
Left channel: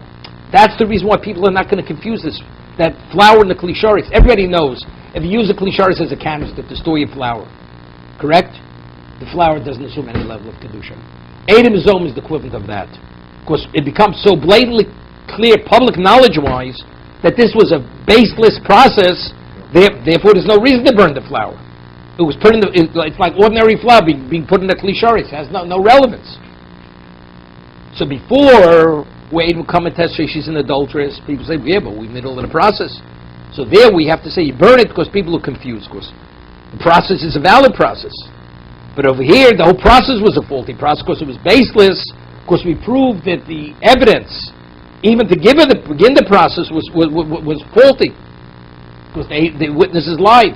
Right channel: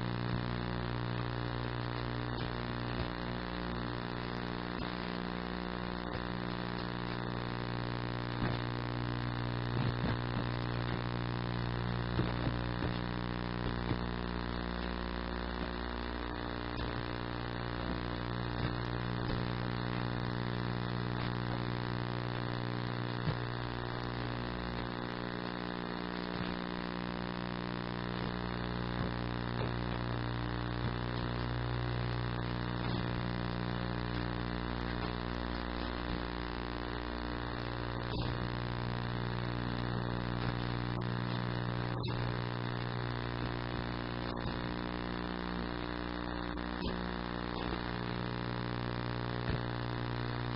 That's the reason why people are not going to confuse this. That flour in the klisharis. Everybody knows, if you use a klisharis as a canister to store your flour, correct? The flour doesn't assume any level of kedusha. Eidim Zom is the equivalent of that. Because it becomes so blatantly clear, public knowledge-wise, that this was a baseless process, therefore there's no reason to burn the flour. It was put in it's like ordinary flour being put in the klisharis. It has no relevance. So before, where Eidim would come and testify she's an adulteress, people say, yeah, but we're in the middle of the process. So there we have to say you burn it because people are confused, because the process is a valid process. But over here, the whole process was a faulty process because it was baseless, because we proved that the evidence, even to begin the process, was faulty, because the witnesses lied.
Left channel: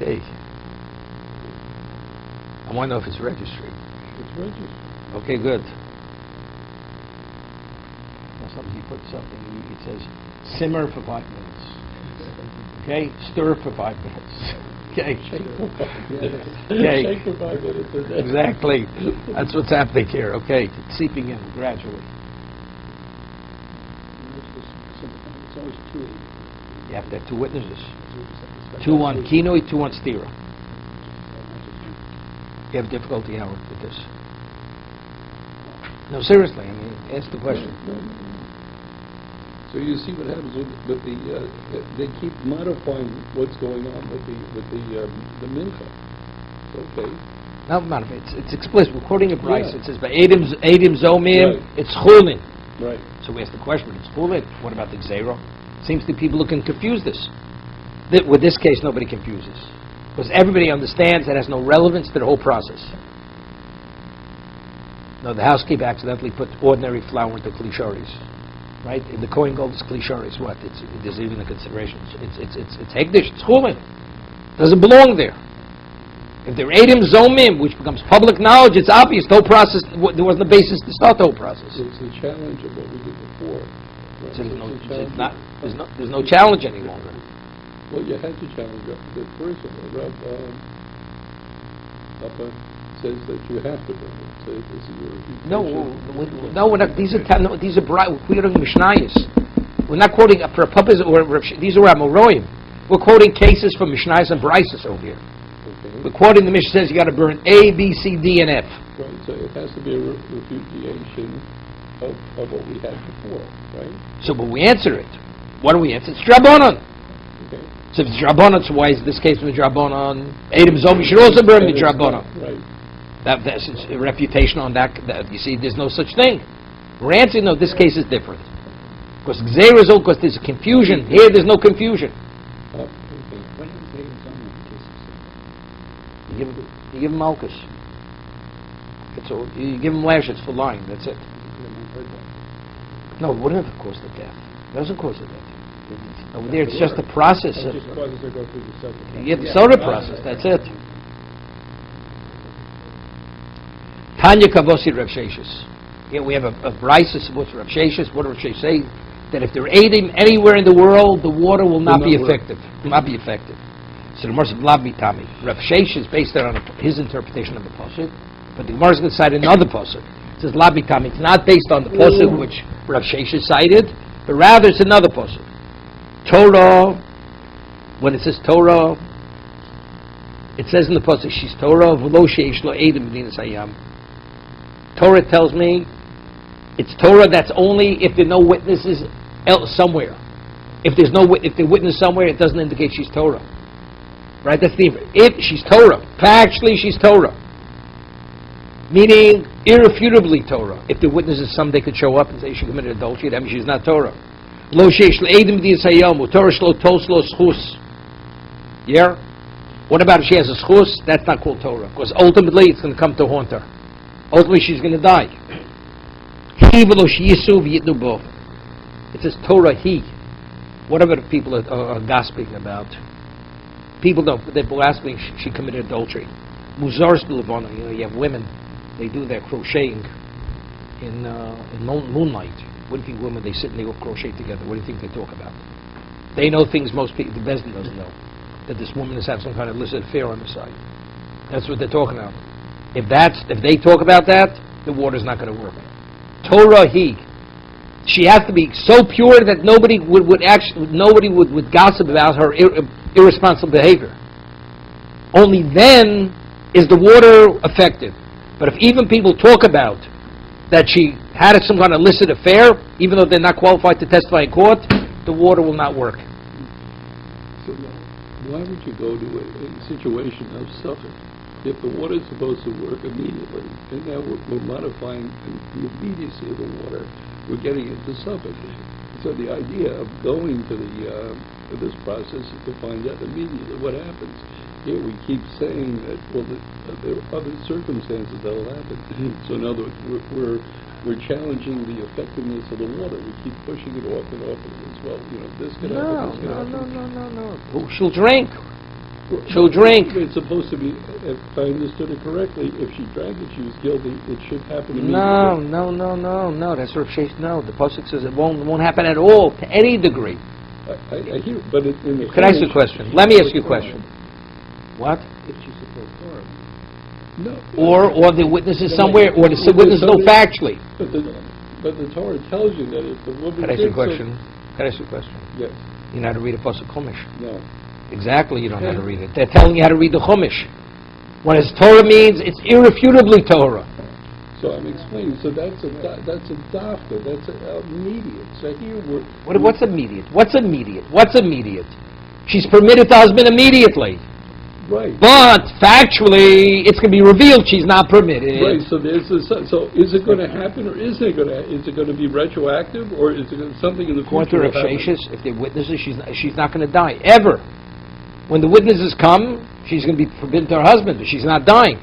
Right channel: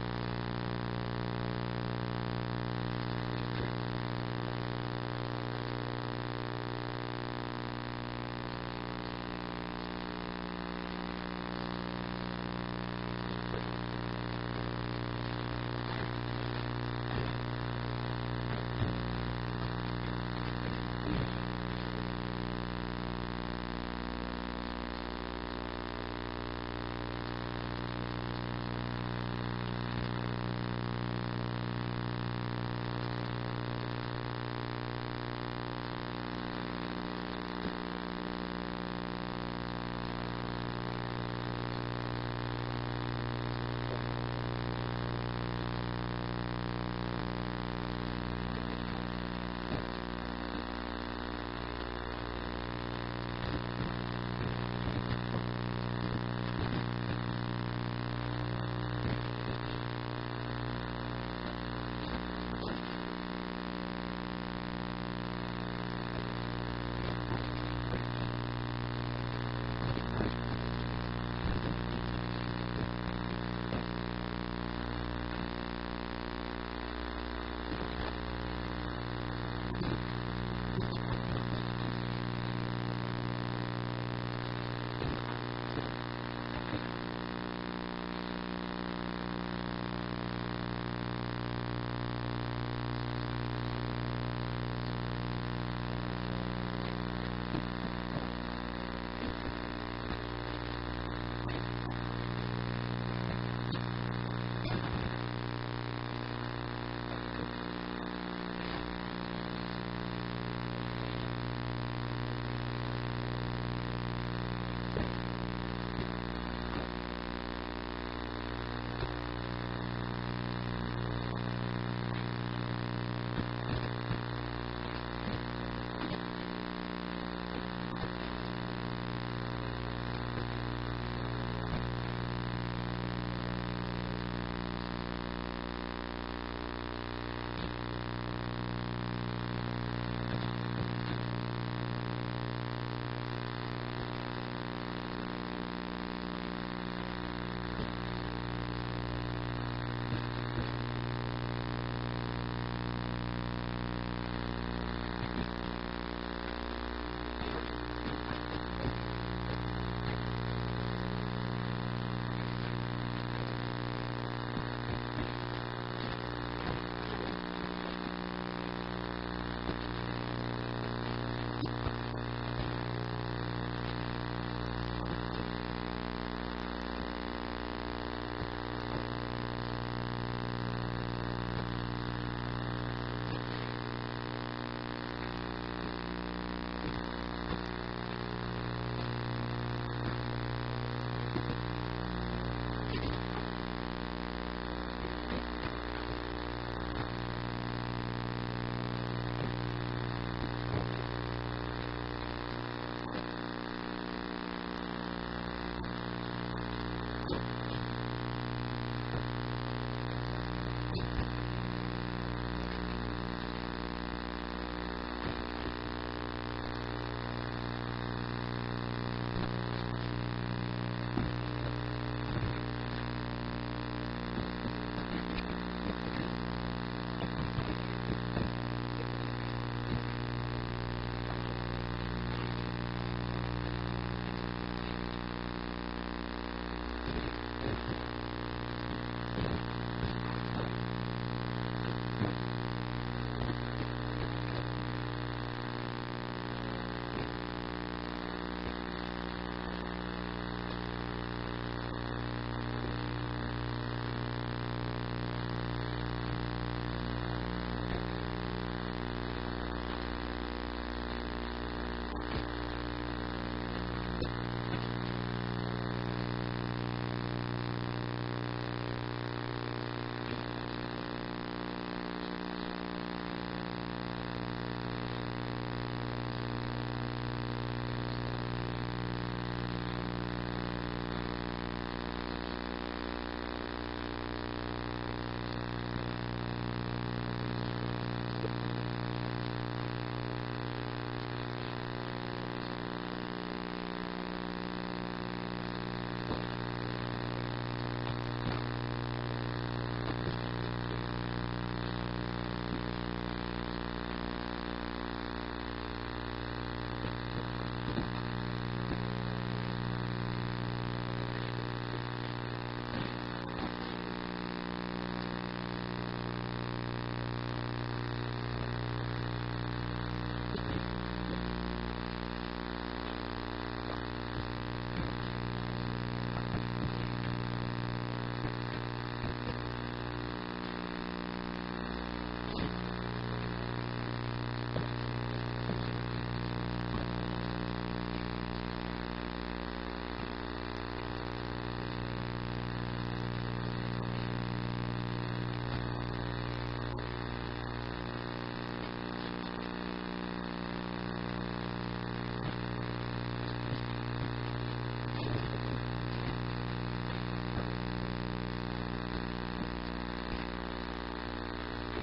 Okay. I want to know if it's registered. Okay, good. Somebody put something, it says, simmer for 5 minutes. Okay? Stir for 5 minutes. Okay? Okay. Exactly. That's what's happening here. Okay? It's seeping in gradually. You have to have 2 witnesses. 2 on kinoi, 2 on stira. You have difficulty now with this. No, seriously, I mean, ask the question. So you see what happens with they keep modifying what's going on with the mincha. Okay. No, it's explicit. We're quoting a price. Yeah. It says, "But Eidim Zomim, Right. it's chulin." Right. So we ask the question: it's chulin. What about the zero? Seems to people who can confuse this. With this case, nobody confuses, because everybody understands it has no relevance to the whole process. No, the housekeeper accidentally put ordinary flour into klisharis, right? In the Kohen Gold's klisharis, what? There's even a consideration. It's hekdesh, it's chulin. It doesn't belong there. If they're Eidim Zomim, which becomes public knowledge, it's obvious. The whole process, there wasn't a basis to start the whole process. So it's a challenge of what we did before. There's no challenge any longer. Well, you had to challenge the person. Papa says that you have to do it. No, we're not. These are quoting Mishnayos. We're not quoting for a purpose. These are Amoroim. We're quoting cases from Mishnayos and Brises over here. Okay. We're quoting the Mishnah says you got to burn A, B, C, D, and F. Right. So it has to be a repudiation of what we had before, right? So, but we answer it. What do we answer? It's Drabonon. So if it's Drabonon, so why is this case with Drabonon? Eidim Zom, you should also burn the Drabonon. Right. That's a refutation on that. You see, there's no such thing. We're answering, no, this case is different. Because Gzeir is old, because there's a confusion. Here, there's no confusion. You give him Malchus. You give him lashes for lying, that's it. No, it wouldn't have caused the death. It doesn't cause the death. Over there, it's just a process. You get the soda process, that's it. Tanya Kavosi Rav Sheshes. Here we have a Brises with Rav Sheshes. What does Rav Sheshes say? That if they're aiding anywhere in the world, the water will not be effective. Will not be effective. So the Gemara says, Tami. Rav Sheshes based it on his interpretation of the pasuk, but the Gemara is going to cite another pasuk. It says Tami. It's not based on the pasuk which Rav Sheshes cited, but rather it's another pasuk. Torah, when it says Torah, it says in the pasuk, she's Torah, v'lo she'esh lo eidim b'dinas hayam. Torah tells me it's Torah that's only if there are no witnesses somewhere. If they witness somewhere, it doesn't indicate she's Torah. Right? That's the if she's Torah. Factually, she's Torah. Meaning, irrefutably Torah. If the witnesses someday could show up and say she committed adultery, that means she's not Torah. Lo sheish le'edim di'asayamu, Torah shlo tos lo schus. Yeah? What about if she has a schus? That's not called Torah. Because ultimately, it's going to come to haunt her. Ultimately, she's going to die. He v'lo sheyisu v'yitnu bo. It says Torah, he. Whatever the people are gossiping about. People don't, they're blaspheming she committed adultery. Muzars b'levana, you have women, they do their crocheting in moonlight. What do you think women, they sit and they all crochet together? What do you think they talk about? They know things most people, the Bezdin doesn't know. That this woman has had some kind of illicit affair on the side. That's what they're talking about. If they talk about that, the water's not going to work. Torah he. She has to be so pure that nobody would gossip about her irresponsible behavior. Only then is the water effective. But if even people talk about that she had some kind of illicit affair, even though they're not qualified to testify in court, the water will not work. So why would you go to a situation of suffering if the water is supposed to work immediately? And now we're modifying the immediacy of the water. We're getting it to suffer. So the idea of going to this process is to find out immediately what happens. Here we keep saying that there are other circumstances that will happen. So in other words, we're challenging the effectiveness of the water. We keep pushing it off and off as well. This could happen. No. She'll drink. She'll drink. It's supposed to be, if I understood it correctly, if she drank it, she was guilty. It should happen immediately. No. That's her case. No, the pasuk says it won't happen at all to any degree. I hear it, but it's in the. Can I ask you a question? Let me ask you a question. What? No. Or the witnesses somewhere, or the witnesses know factually. But the Torah tells you that if the woman. Can I ask you a question? Yes. You know how to read a pasuk Chumash. No. Exactly, you don't know how to read it. They're telling you how to read the Chumash. When it's Torah means it's irrefutably Torah. So I'm explaining. So that's a dafka. That's immediate. So here What's immediate? What's immediate? She's permitted to husband immediately. Right. But factually, it's going to be revealed she's not permitted. Right. So so is it going to happen, or is it going to be retroactive, or is it something in the future? If they're witnesses, she's not going to die ever. When the witnesses come, she's going to be forbidden to her husband, but she's not dying.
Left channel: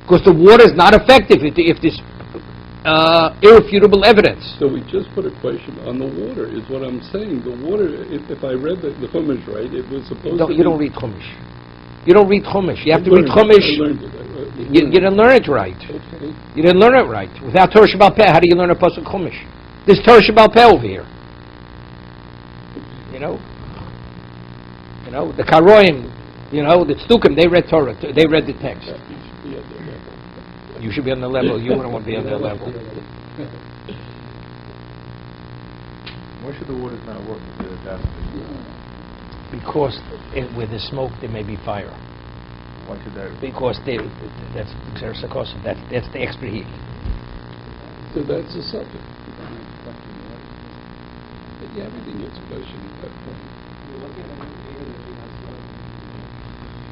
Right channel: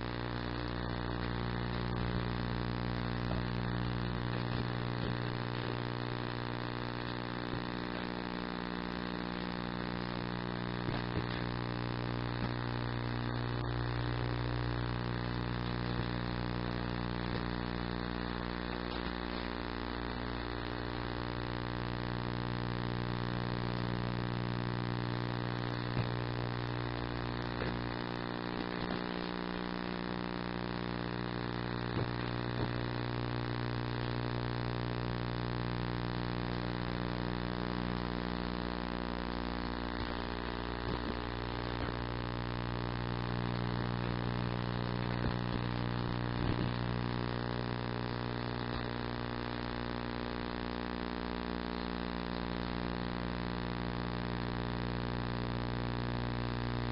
Because the water is not effective if there's irrefutable evidence. So we just put a question on the water, is what I'm saying. The water, if I read the Chumash right, it was supposed to be... You don't read Chumash. You don't read Chumash. You have to read Chumash. You didn't learn it right. Okay. You didn't learn it right. Without Torah Shabbal Peh, how do you learn a pasuk Chumash? There's Torah Shabbal Peh over here. The Karoim, the Tzdukim, they read Torah, they read the text. You should be on the level, you wouldn't want to be on their level. Why should the waters not work? Because where there's smoke, there may be fire. Because that's the extra heat. So that's a subject. But yeah, the next question.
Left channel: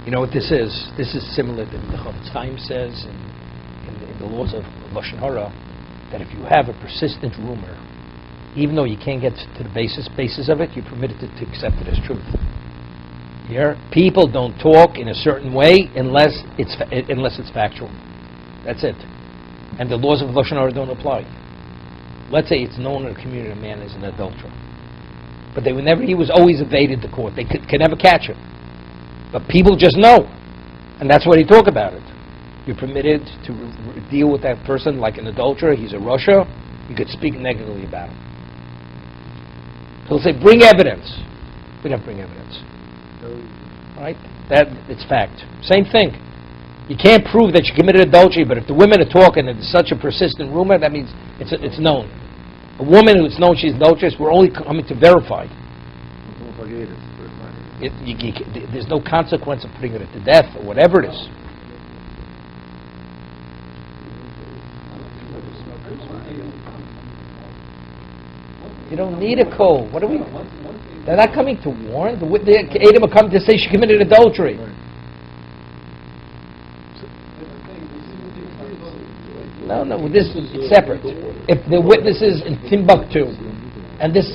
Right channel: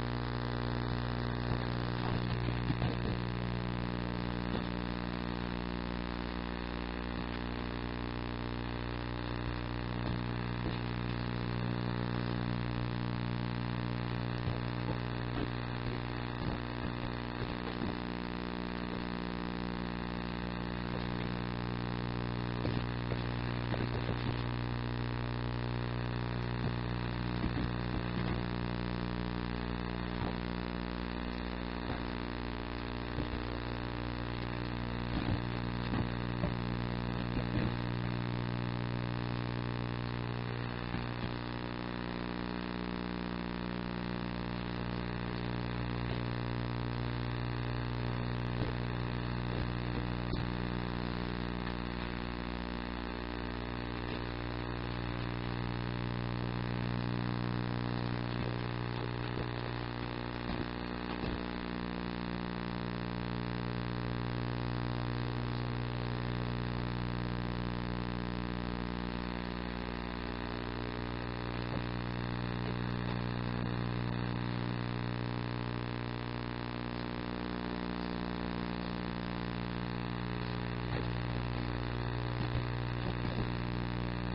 You know what this is? This is similar to what the Chofetz Chaim says in the laws of Lashon Hara, that if you have a persistent rumor, even though you can't get to the basis of it, you're permitted to accept it as truth. Here, people don't talk in a certain way unless it's factual. That's it. And the laws of Lashon Hara don't apply. Let's say it's known in the community a man is an adulterer, but he was always evaded the court. They could never catch him. But people just know, and that's why they talk about it. You're permitted to deal with that person like an adulterer. He's a Russia. You could speak negatively about him. So they'll say, bring evidence. We don't bring evidence. Right? That it's fact. Same thing. You can't prove that you committed adultery, but if the women are talking and it's such a persistent rumor, that means it's known. A woman who's known she's adulterous, we're only coming to verify. There's no consequence of putting her to death or whatever it is. You don't need a code. What are we? They're not coming to warn. The Adam are coming to say she committed adultery. No, this is separate. If the witness is in Timbuktu, and this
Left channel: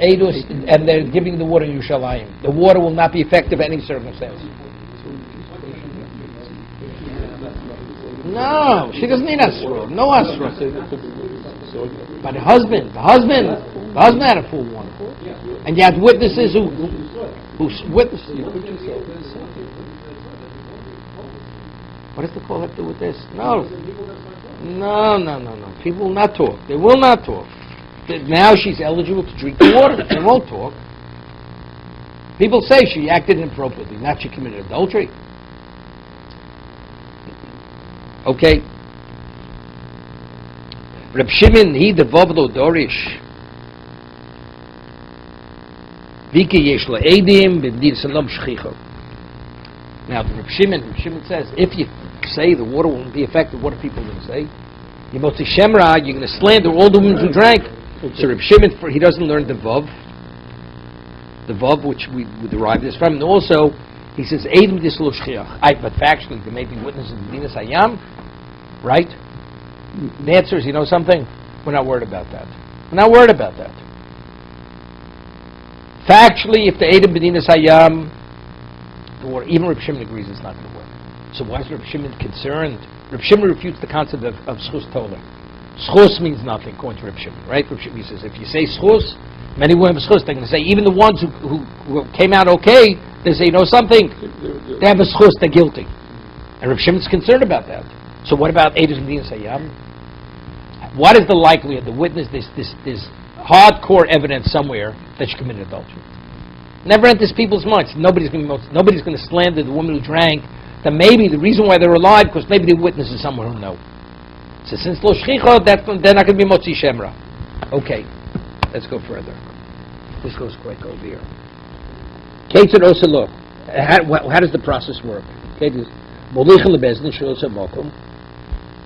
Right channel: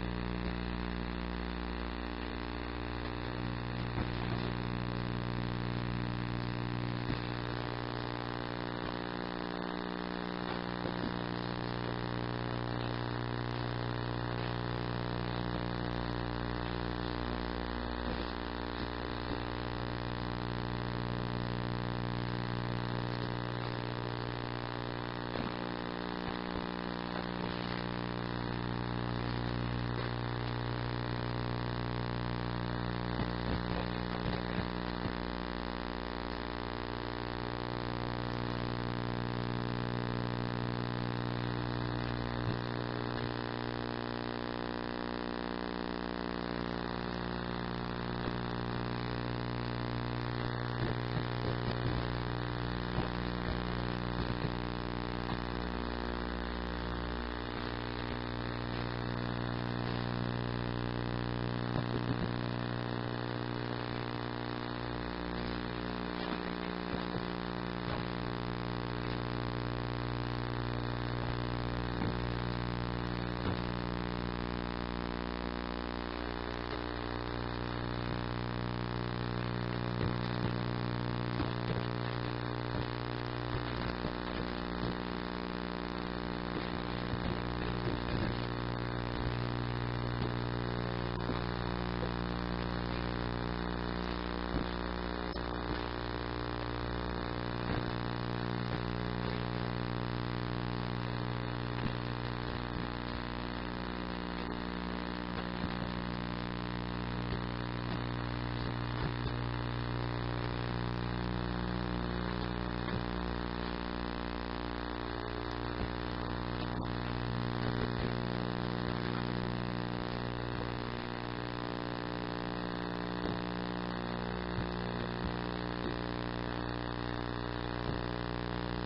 Eidus, and they're giving the water in Yerushalayim, the water will not be effective in any circumstance. No, she doesn't need Asra. No Asra. But the husband had a full one. And you had witnesses who witnessed. What does the Kohen have to do with this? No. People will not talk. They will not talk. Now she's eligible to drink the water. They won't talk. People say she acted inappropriately, not she committed adultery. Okay. Reb Shimon, he devob lo dorish. Vike yesh lo edim, b'bdir salom shchicho. Now, Reb Shimon says, if you say the water won't be effective, what are people going to say? You're going to Shemra, you're going to slander all the women who drank. So Reb Shimon, he doesn't learn the Vav, which we derive this from. And also, he says, Edim dislo shchiach. But factually, there may be witnesses in Dinas Hayam, right? The answer is, you know something? We're not worried about that. Factually, if the Edim B'dinas Hayam, or even Reb Shimon agrees it's not going to work. So why is Reb Shimon concerned? Reb Shimon refutes the concept of schus tola. Schus means nothing, according to Reb Shimon, right? Reb Shimon says if you say schus, many women have schus. They're going to say even the ones who came out okay, they say, you know something? They have a schus, they're guilty. And Reb Shimon's concerned about that. So what about Eidos B'dinas Hayam? What is the likelihood the witness this hardcore evidence somewhere that she committed adultery? Never enters people's minds. Nobody's going to slander the woman who drank. That maybe the reason why they're alive because maybe the witness is someone who knows. So since lo shchicha, they're not going to be motzi shemra. Okay, let's go further. This goes quick over here. Ketzad oselo. How does the process work? They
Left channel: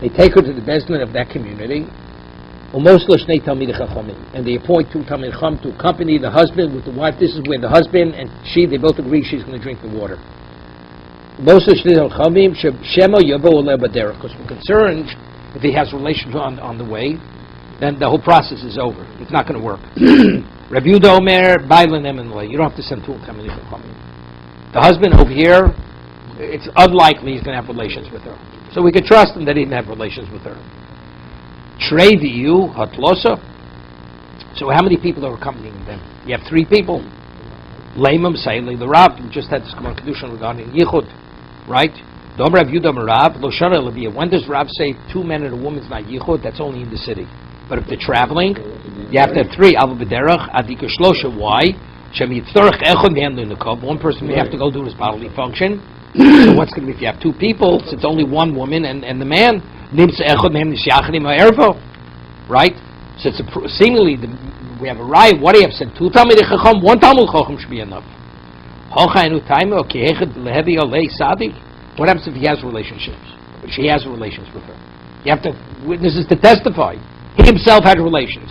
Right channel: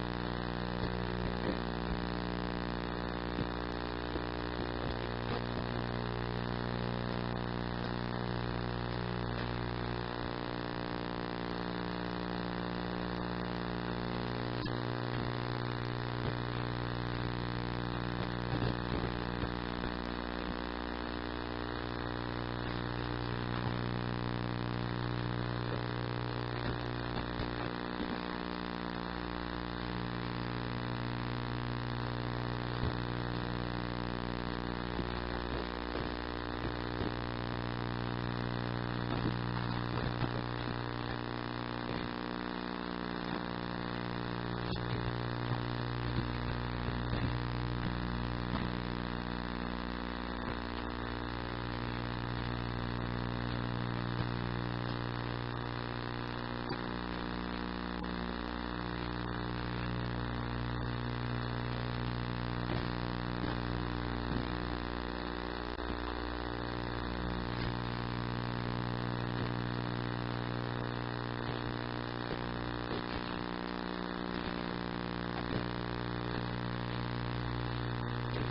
take her to the bezdin of that community. And they appoint two Talmidei Chacham to accompany the husband with the wife. This is where the husband and they both agree she's going to drink the water. Because we're concerned if he has relations on the way, then the whole process is over. It's not going to work. Rabbi Yehuda Omer, Bailan Emenle. You don't have to send two Talmidei Chacham. The husband over here, it's unlikely he's going to have relations with her. So we could trust him that he didn't have relations with her. Shrei v'yu hatlosa. So how many people are accompanying them? You have three people. Leimam Saili the Rab. We just had this Gemara Kedusha regarding Yichud, right? Dom Rav Yudam Rab Lo Shara Levia. When does Rab say 2 men and a woman is not Yichud? That's only in the city. But if they're traveling, you have to have 3. Aval B'derach Adika Shlosha. Why? Shem Yitzorach Echad Handling the Kov. One person may have to go do his bodily function. So what's going to be if you have 2 people? So it's only one woman and the man. Right? So it's seemingly we have a riot. What do you have said? 2 Talmidei Chacham, 1 Talmud Chacham should be enough. What happens if he has relationships? If she has relations with her? You have to witnesses to testify. He himself had relations.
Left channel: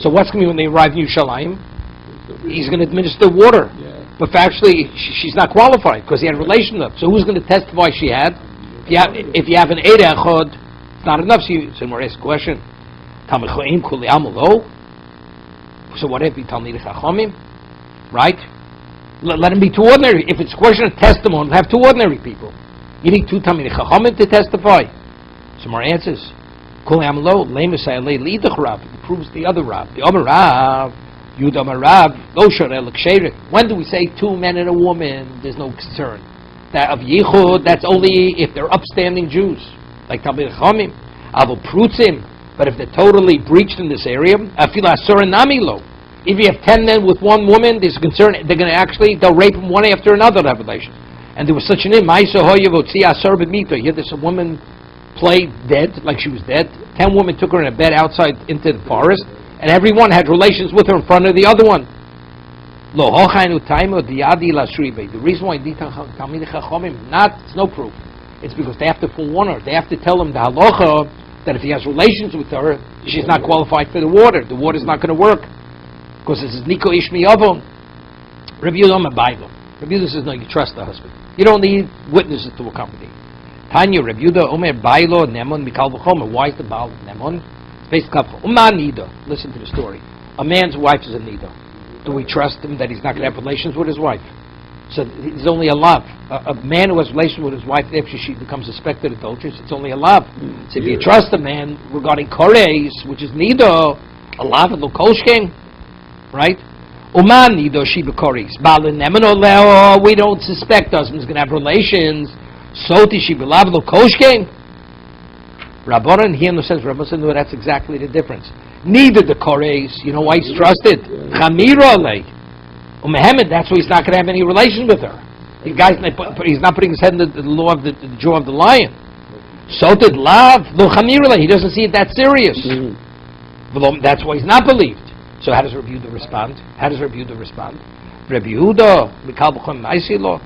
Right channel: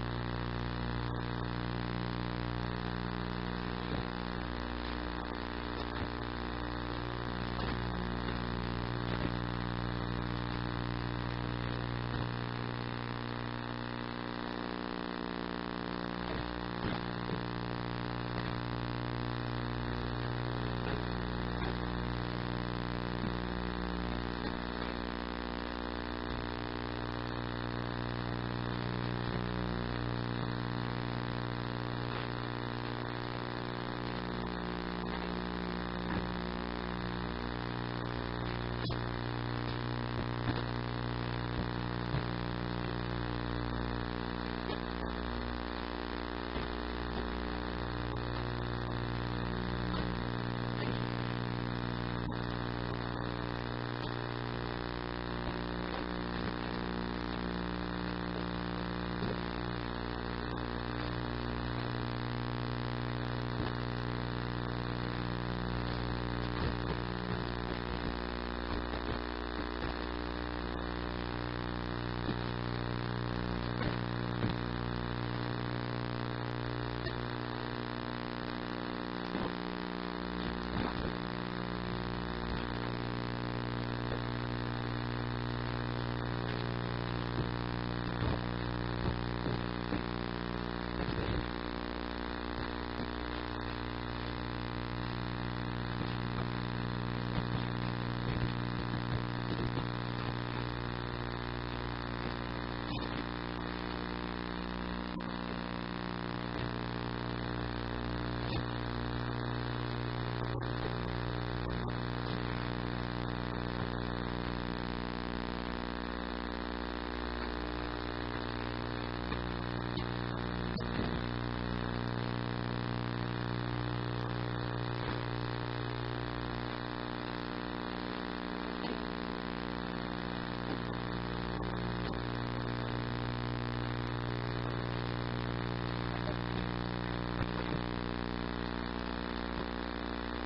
So what's going to be when they arrive in Yerushalayim? He's going to administer water. But factually, she's not qualified because he had relations with her. So who's going to testify she had? If you have an Eid Echad, it's not enough. So more ask a question. So what if he Talmidei Chachamim? Right? Let him be 2 ordinary. If it's a question of testimony, have 2 ordinary people. You need 2 Talmidei Chachamim to testify. Some more answers. Proves the other Rab. The Omer Rab. Yudam Rab. When do we say 2 men and a woman? There's no concern. That of Yichud, that's only if they're upstanding Jews, like Talmidei Chachamim, Aval Prutzim. But if they're totally breached in this area, Afil Asur Namilo. If you have 10 men with 1 woman, there's concern they'll rape them one after another to have relations. And there was such an name, here there's a woman played dead, like she was dead. 10 women took her in a bed outside into the forest, and everyone had relations with her in front of the other one. The reason why Talmidei Chachamim it's no proof. It's because they have to forewarn her. They have to tell him the halacha that if he has relations with her, she's not qualified for the water. The water's not going to work because this is Niko Ishmi Avon. Rabbi Yehuda Bible. Rabbi Yehuda says no, you trust the husband. You don't need witnesses to accompany. Tanya Reb Yehuda Omer Bailo Nemon Mikal V'chomer. Why is the Baal Nemon? It's based on Uman Nido. Listen to the story. A man's wife is a Nido. Do we trust him that he's not going to have relations with his wife? So it's only a love. A man who has relations with his wife after she becomes suspected adulteress, it's only a love. So if you trust a man regarding Kores, which is Nido, a love and Lukoshkin, right? Uman Nido Shiba Kores. Baal Nemon Oleo. We don't suspect husband's going to have relations. Soti Shiba Lav Lukoshkin. Rabbanan here says, Rabbanan, no, that's exactly the difference. Neither the Kores, you know why he's trusted? Chamira Alei. Muhammad, that's why he's not going to have any relations with her. The guy's he's not putting his head in the law of the jaw of the lion. So did love, lo chamira Alei. He doesn't see it that serious. That's why he's not believed. So how does Rabbi Yehuda respond? Rabbi Yehuda, Mikal B'chom Maisilo.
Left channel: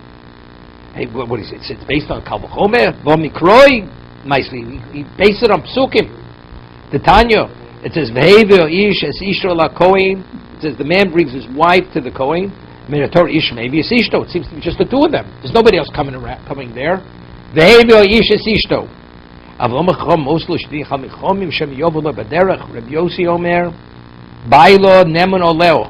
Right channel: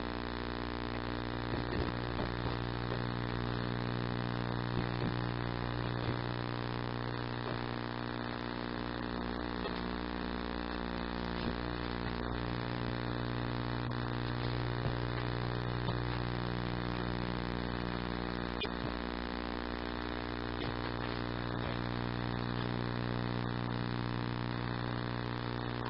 Hey, what is it? It's based on Kal B'chomer, Bo Mikroi, Maisli. He based it on Psukim. The Tanya. It says, V'hever ish es ishto la kohen. It says, the man brings his wife to the kohen. Minator ish maybe es ishto. It seems to be just the two of them. There's nobody else coming there. V'hever ish es ishto. Avlom echom moslo shdi chal mechomim shem yovulo baderech. Reb Yossi Omer, Bailo nemon oleo.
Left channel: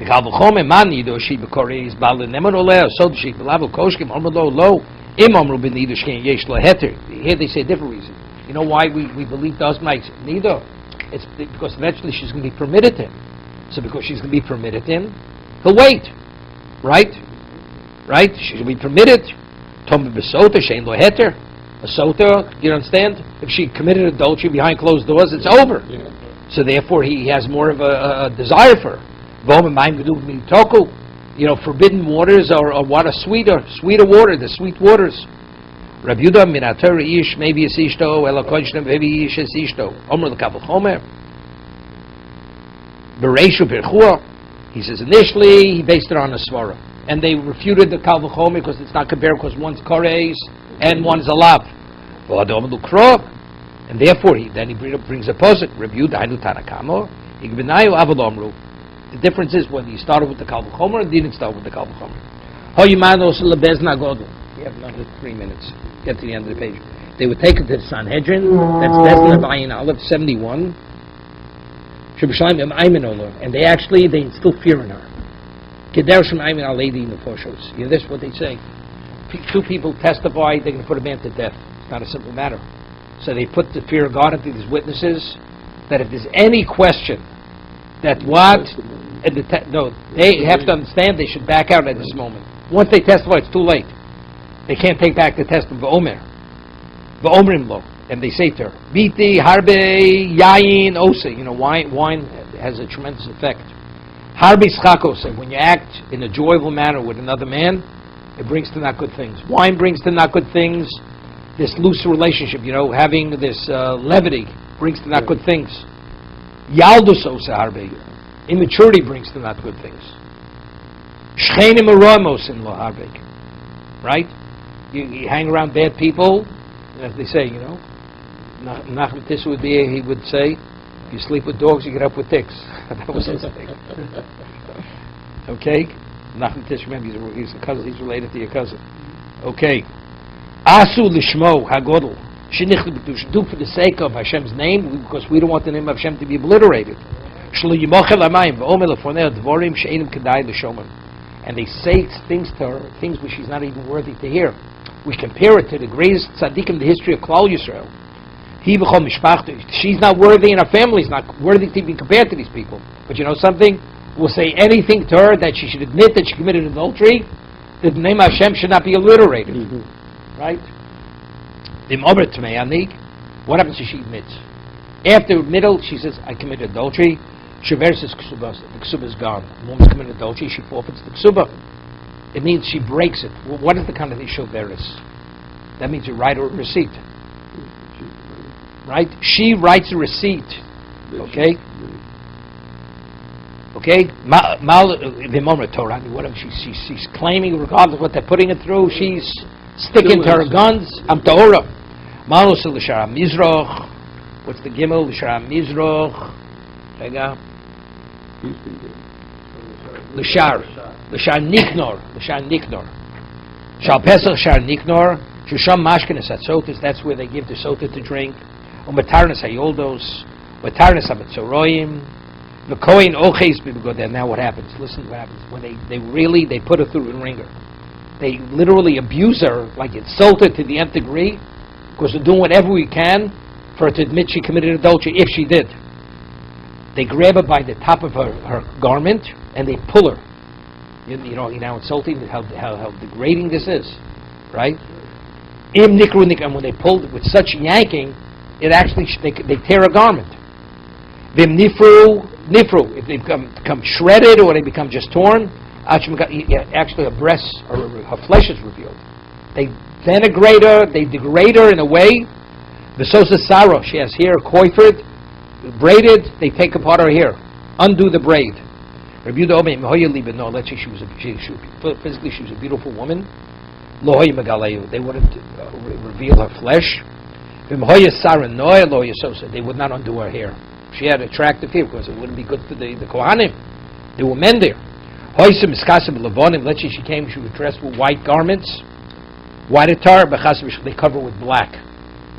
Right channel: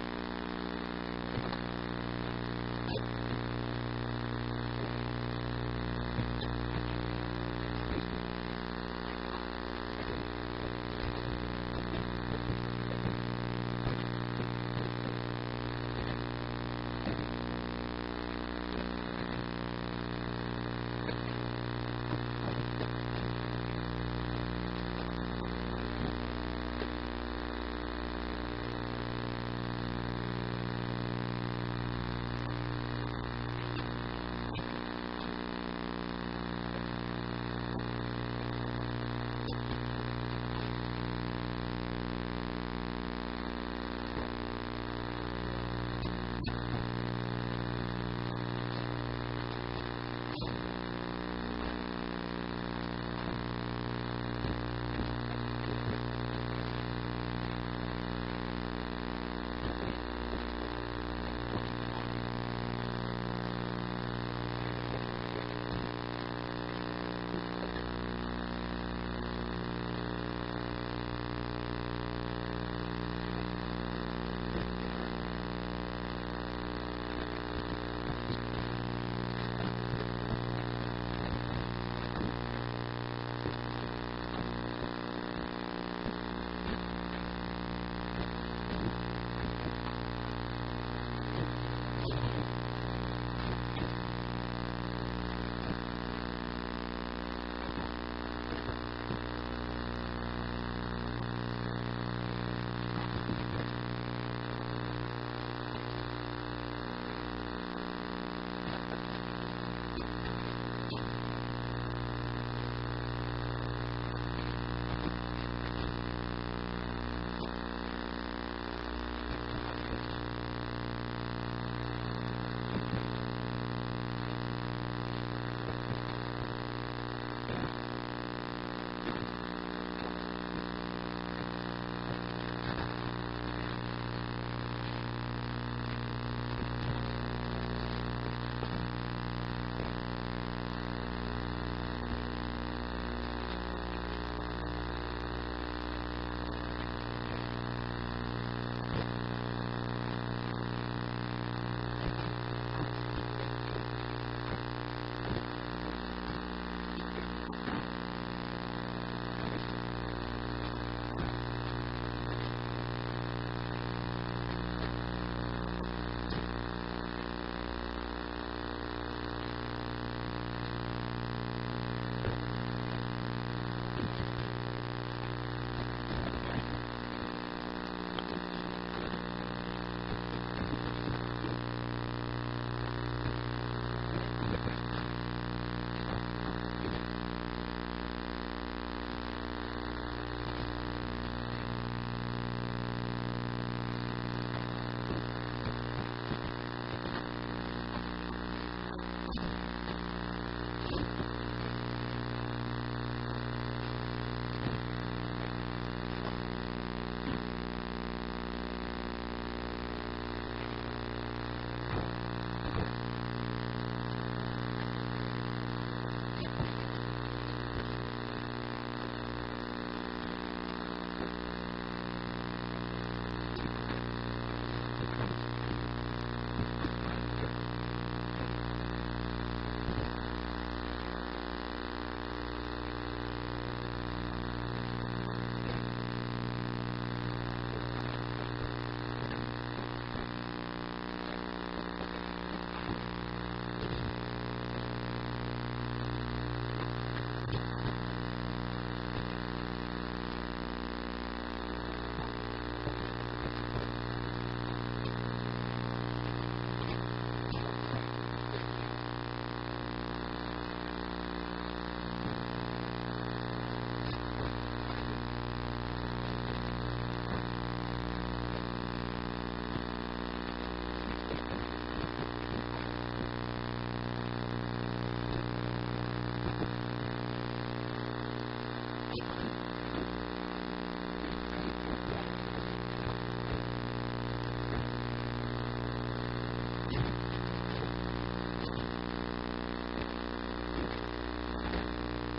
V'chal v'chomim man yido shi b'koreis bailo nemon oleo. So she v'lav l'koshkim omro lo. Im omro b'nido shken yesh lo heter. Here they say a different reason. You know why we believe the husband? Neither. It's because eventually she's going to be permitted him. So because she's going to be permitted him, he'll wait. Right? She's going to be permitted. Tom b'sota shein lo heter. A sota, you understand? If she committed adultery behind closed doors, it's over. So therefore he has more of a desire for her. You know, forbidden waters are what are sweeter water, the sweet waters. Rabbi Yehuda minater ish maybe es ishto ela koshtem maybe ish es ishto omer l'kabel chomer bereishu berchua. He says initially he based it on a svara, and they refuted the kal v'chomer because it's not comparable because one's kores and one's a lav. And therefore he brings a posit. Rabbi Yehuda hainu tanakamo igbenayu avol omru. The difference is whether you started with the kal v'chomer or didn't start with the kal v'chomer. Hoyimanos lebezna godel. You have another 3 minutes. Get to the end of the page. They would take it to the Sanhedrin. That's Bezdin of Ayin Aleph 71. And they instill fear in her. Keder Shem Aymin Aledi Nefoshos. You know this? What they say. Two people testify. They can put a man to death. It's not a simple matter. So they put the fear of God into these witnesses. That if there's any question, that what? They have to understand. They should back out at this moment. Once they testify, it's too late. They can't take back the test of V'omer. V'omrim lo. And they say to her, Biti, Harbe, Yayin, Ose. You know, wine has a tremendous effect. Harbe Schakos. When you act in a joyful manner with another man, it brings to not good things. Wine brings to not good things. This loose relationship, you know, having this levity brings to not good things. Yaldus Ose Harbe. Immaturity brings to not good things. Shchenim Aramos in lo Harbe. Right? You hang around bad people, as they say, you know. Nachman Tish would say, if you sleep with dogs, you get up with ticks. That was his thing. Okay? Nachman Tish, remember, he's a cousin, he's related to your cousin. Okay. Asu lishmo hagodl. Do for the sake of Hashem's name, because we don't want the name of Hashem to be obliterated. And they say things to her, things which she's not even worthy to hear. We compare it to the greatest tzaddik in the history of Klal Yisrael. She's not worthy, and her family's not worthy to be compared to these people. But you know something? We'll say anything to her that she should admit that she committed adultery, that the name of Hashem should not be obliterated. Right? What happens if she admits? After middle, she says, I committed adultery. Shaver says ksubas. The ksuba is gone. The woman's committed adultery, she forfeits the ksuba. It means she breaks it. Well, what is the kind of shaveris? That means you write her a receipt. Right? She writes a receipt. Okay? Okay? Whatever she's claiming, regardless of what they're putting it through, she's sticking to her guns. I'm Torah. Malus l'shara mizroch. What's the gimel? L'shara mizroch. L'shar niknor. Shal pesach shar niknor. Shisham mashkenes hatzotis, that's where they give the sota to drink. Umatarnes hayoldos, umatarnes habetzoroyim, v'koin oches b'begodeh. Now what happens? Listen to what happens. When they put her through the ringer. They literally abuse her, like insult her to the nth degree, because they're doing whatever we can for her to admit she committed adultery, if she did. They grab her by the top of her garment, and they pull her. You know, you're now insulting how degrading this is, right? And when they pull with such yanking, it actually they tear a garment. Vim nifru, if they become shredded or they become just torn, actually her breasts or her flesh is revealed. They denigrate her, they degrade her in a way. The sosa saro, she has hair coifred, braided, they take apart her hair, undo the braid. Physically she was a beautiful woman. They wouldn't reveal her flesh. They would not undo her hair. She had attractive hair because it wouldn't be good for the Kohanim. There were men there. Let's say she came, she was dressed with white garments, white attire, they cover with black.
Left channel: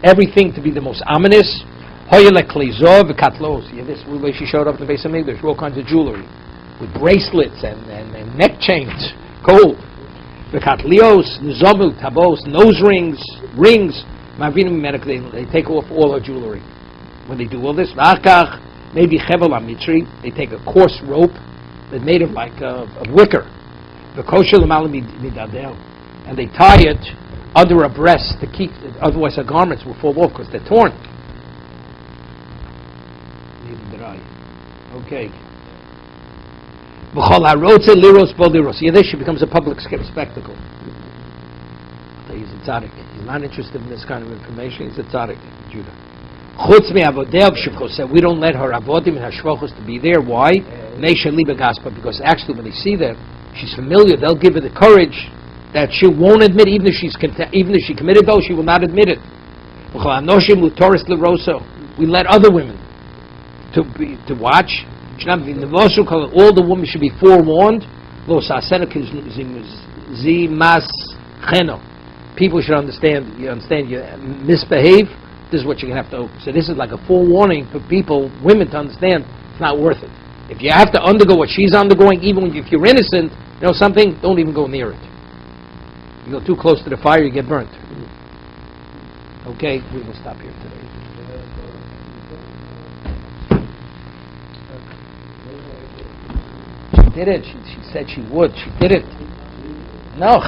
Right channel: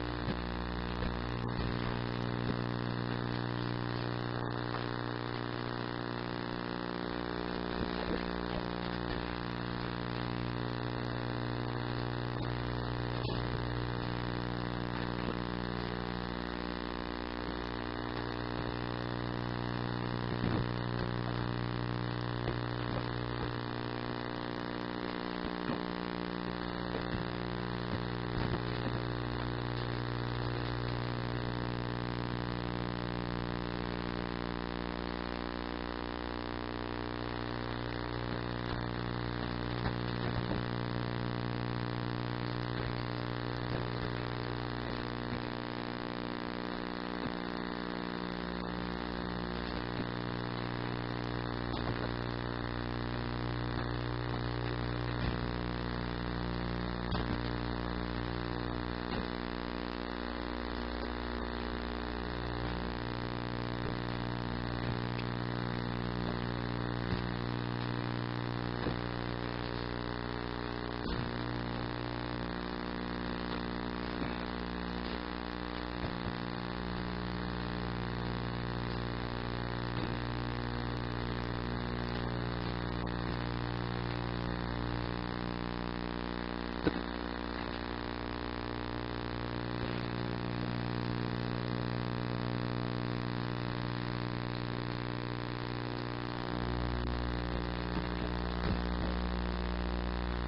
Everything to be the most ominous. Yeah, this is the way she showed up to the base of English, all kinds of jewelry, with bracelets and neck chains, gold. Bekatlios, nzomu, tabos, nose rings. They take off all her jewelry. When they do all this, maybe chevel amitri, they take a coarse rope that made of like of wicker, and they tie it under her breast to keep it, otherwise her garments will fall off because they're torn. Okay. Yeah, she becomes a public spectacle. He's a tzaddik. He's not interested in this kind of information. He's a tzaddik. Judah. We don't let her avodim and her shvochos to be there. Why? Because actually when they see that she's familiar, they'll give her the courage that she won't admit, even if she committed those, she will not admit it. We let other women to watch. All the women should be forewarned. People should understand. You misbehave. This is what you're going to have to. So this is like a forewarning for people, women, to understand it's not worth it. If you have to undergo what she's undergoing, even if you're innocent, you know something, don't even go near it. You go too close to the fire, you get burnt. Okay, we can stop here. She did it. She said she would. She did it. No,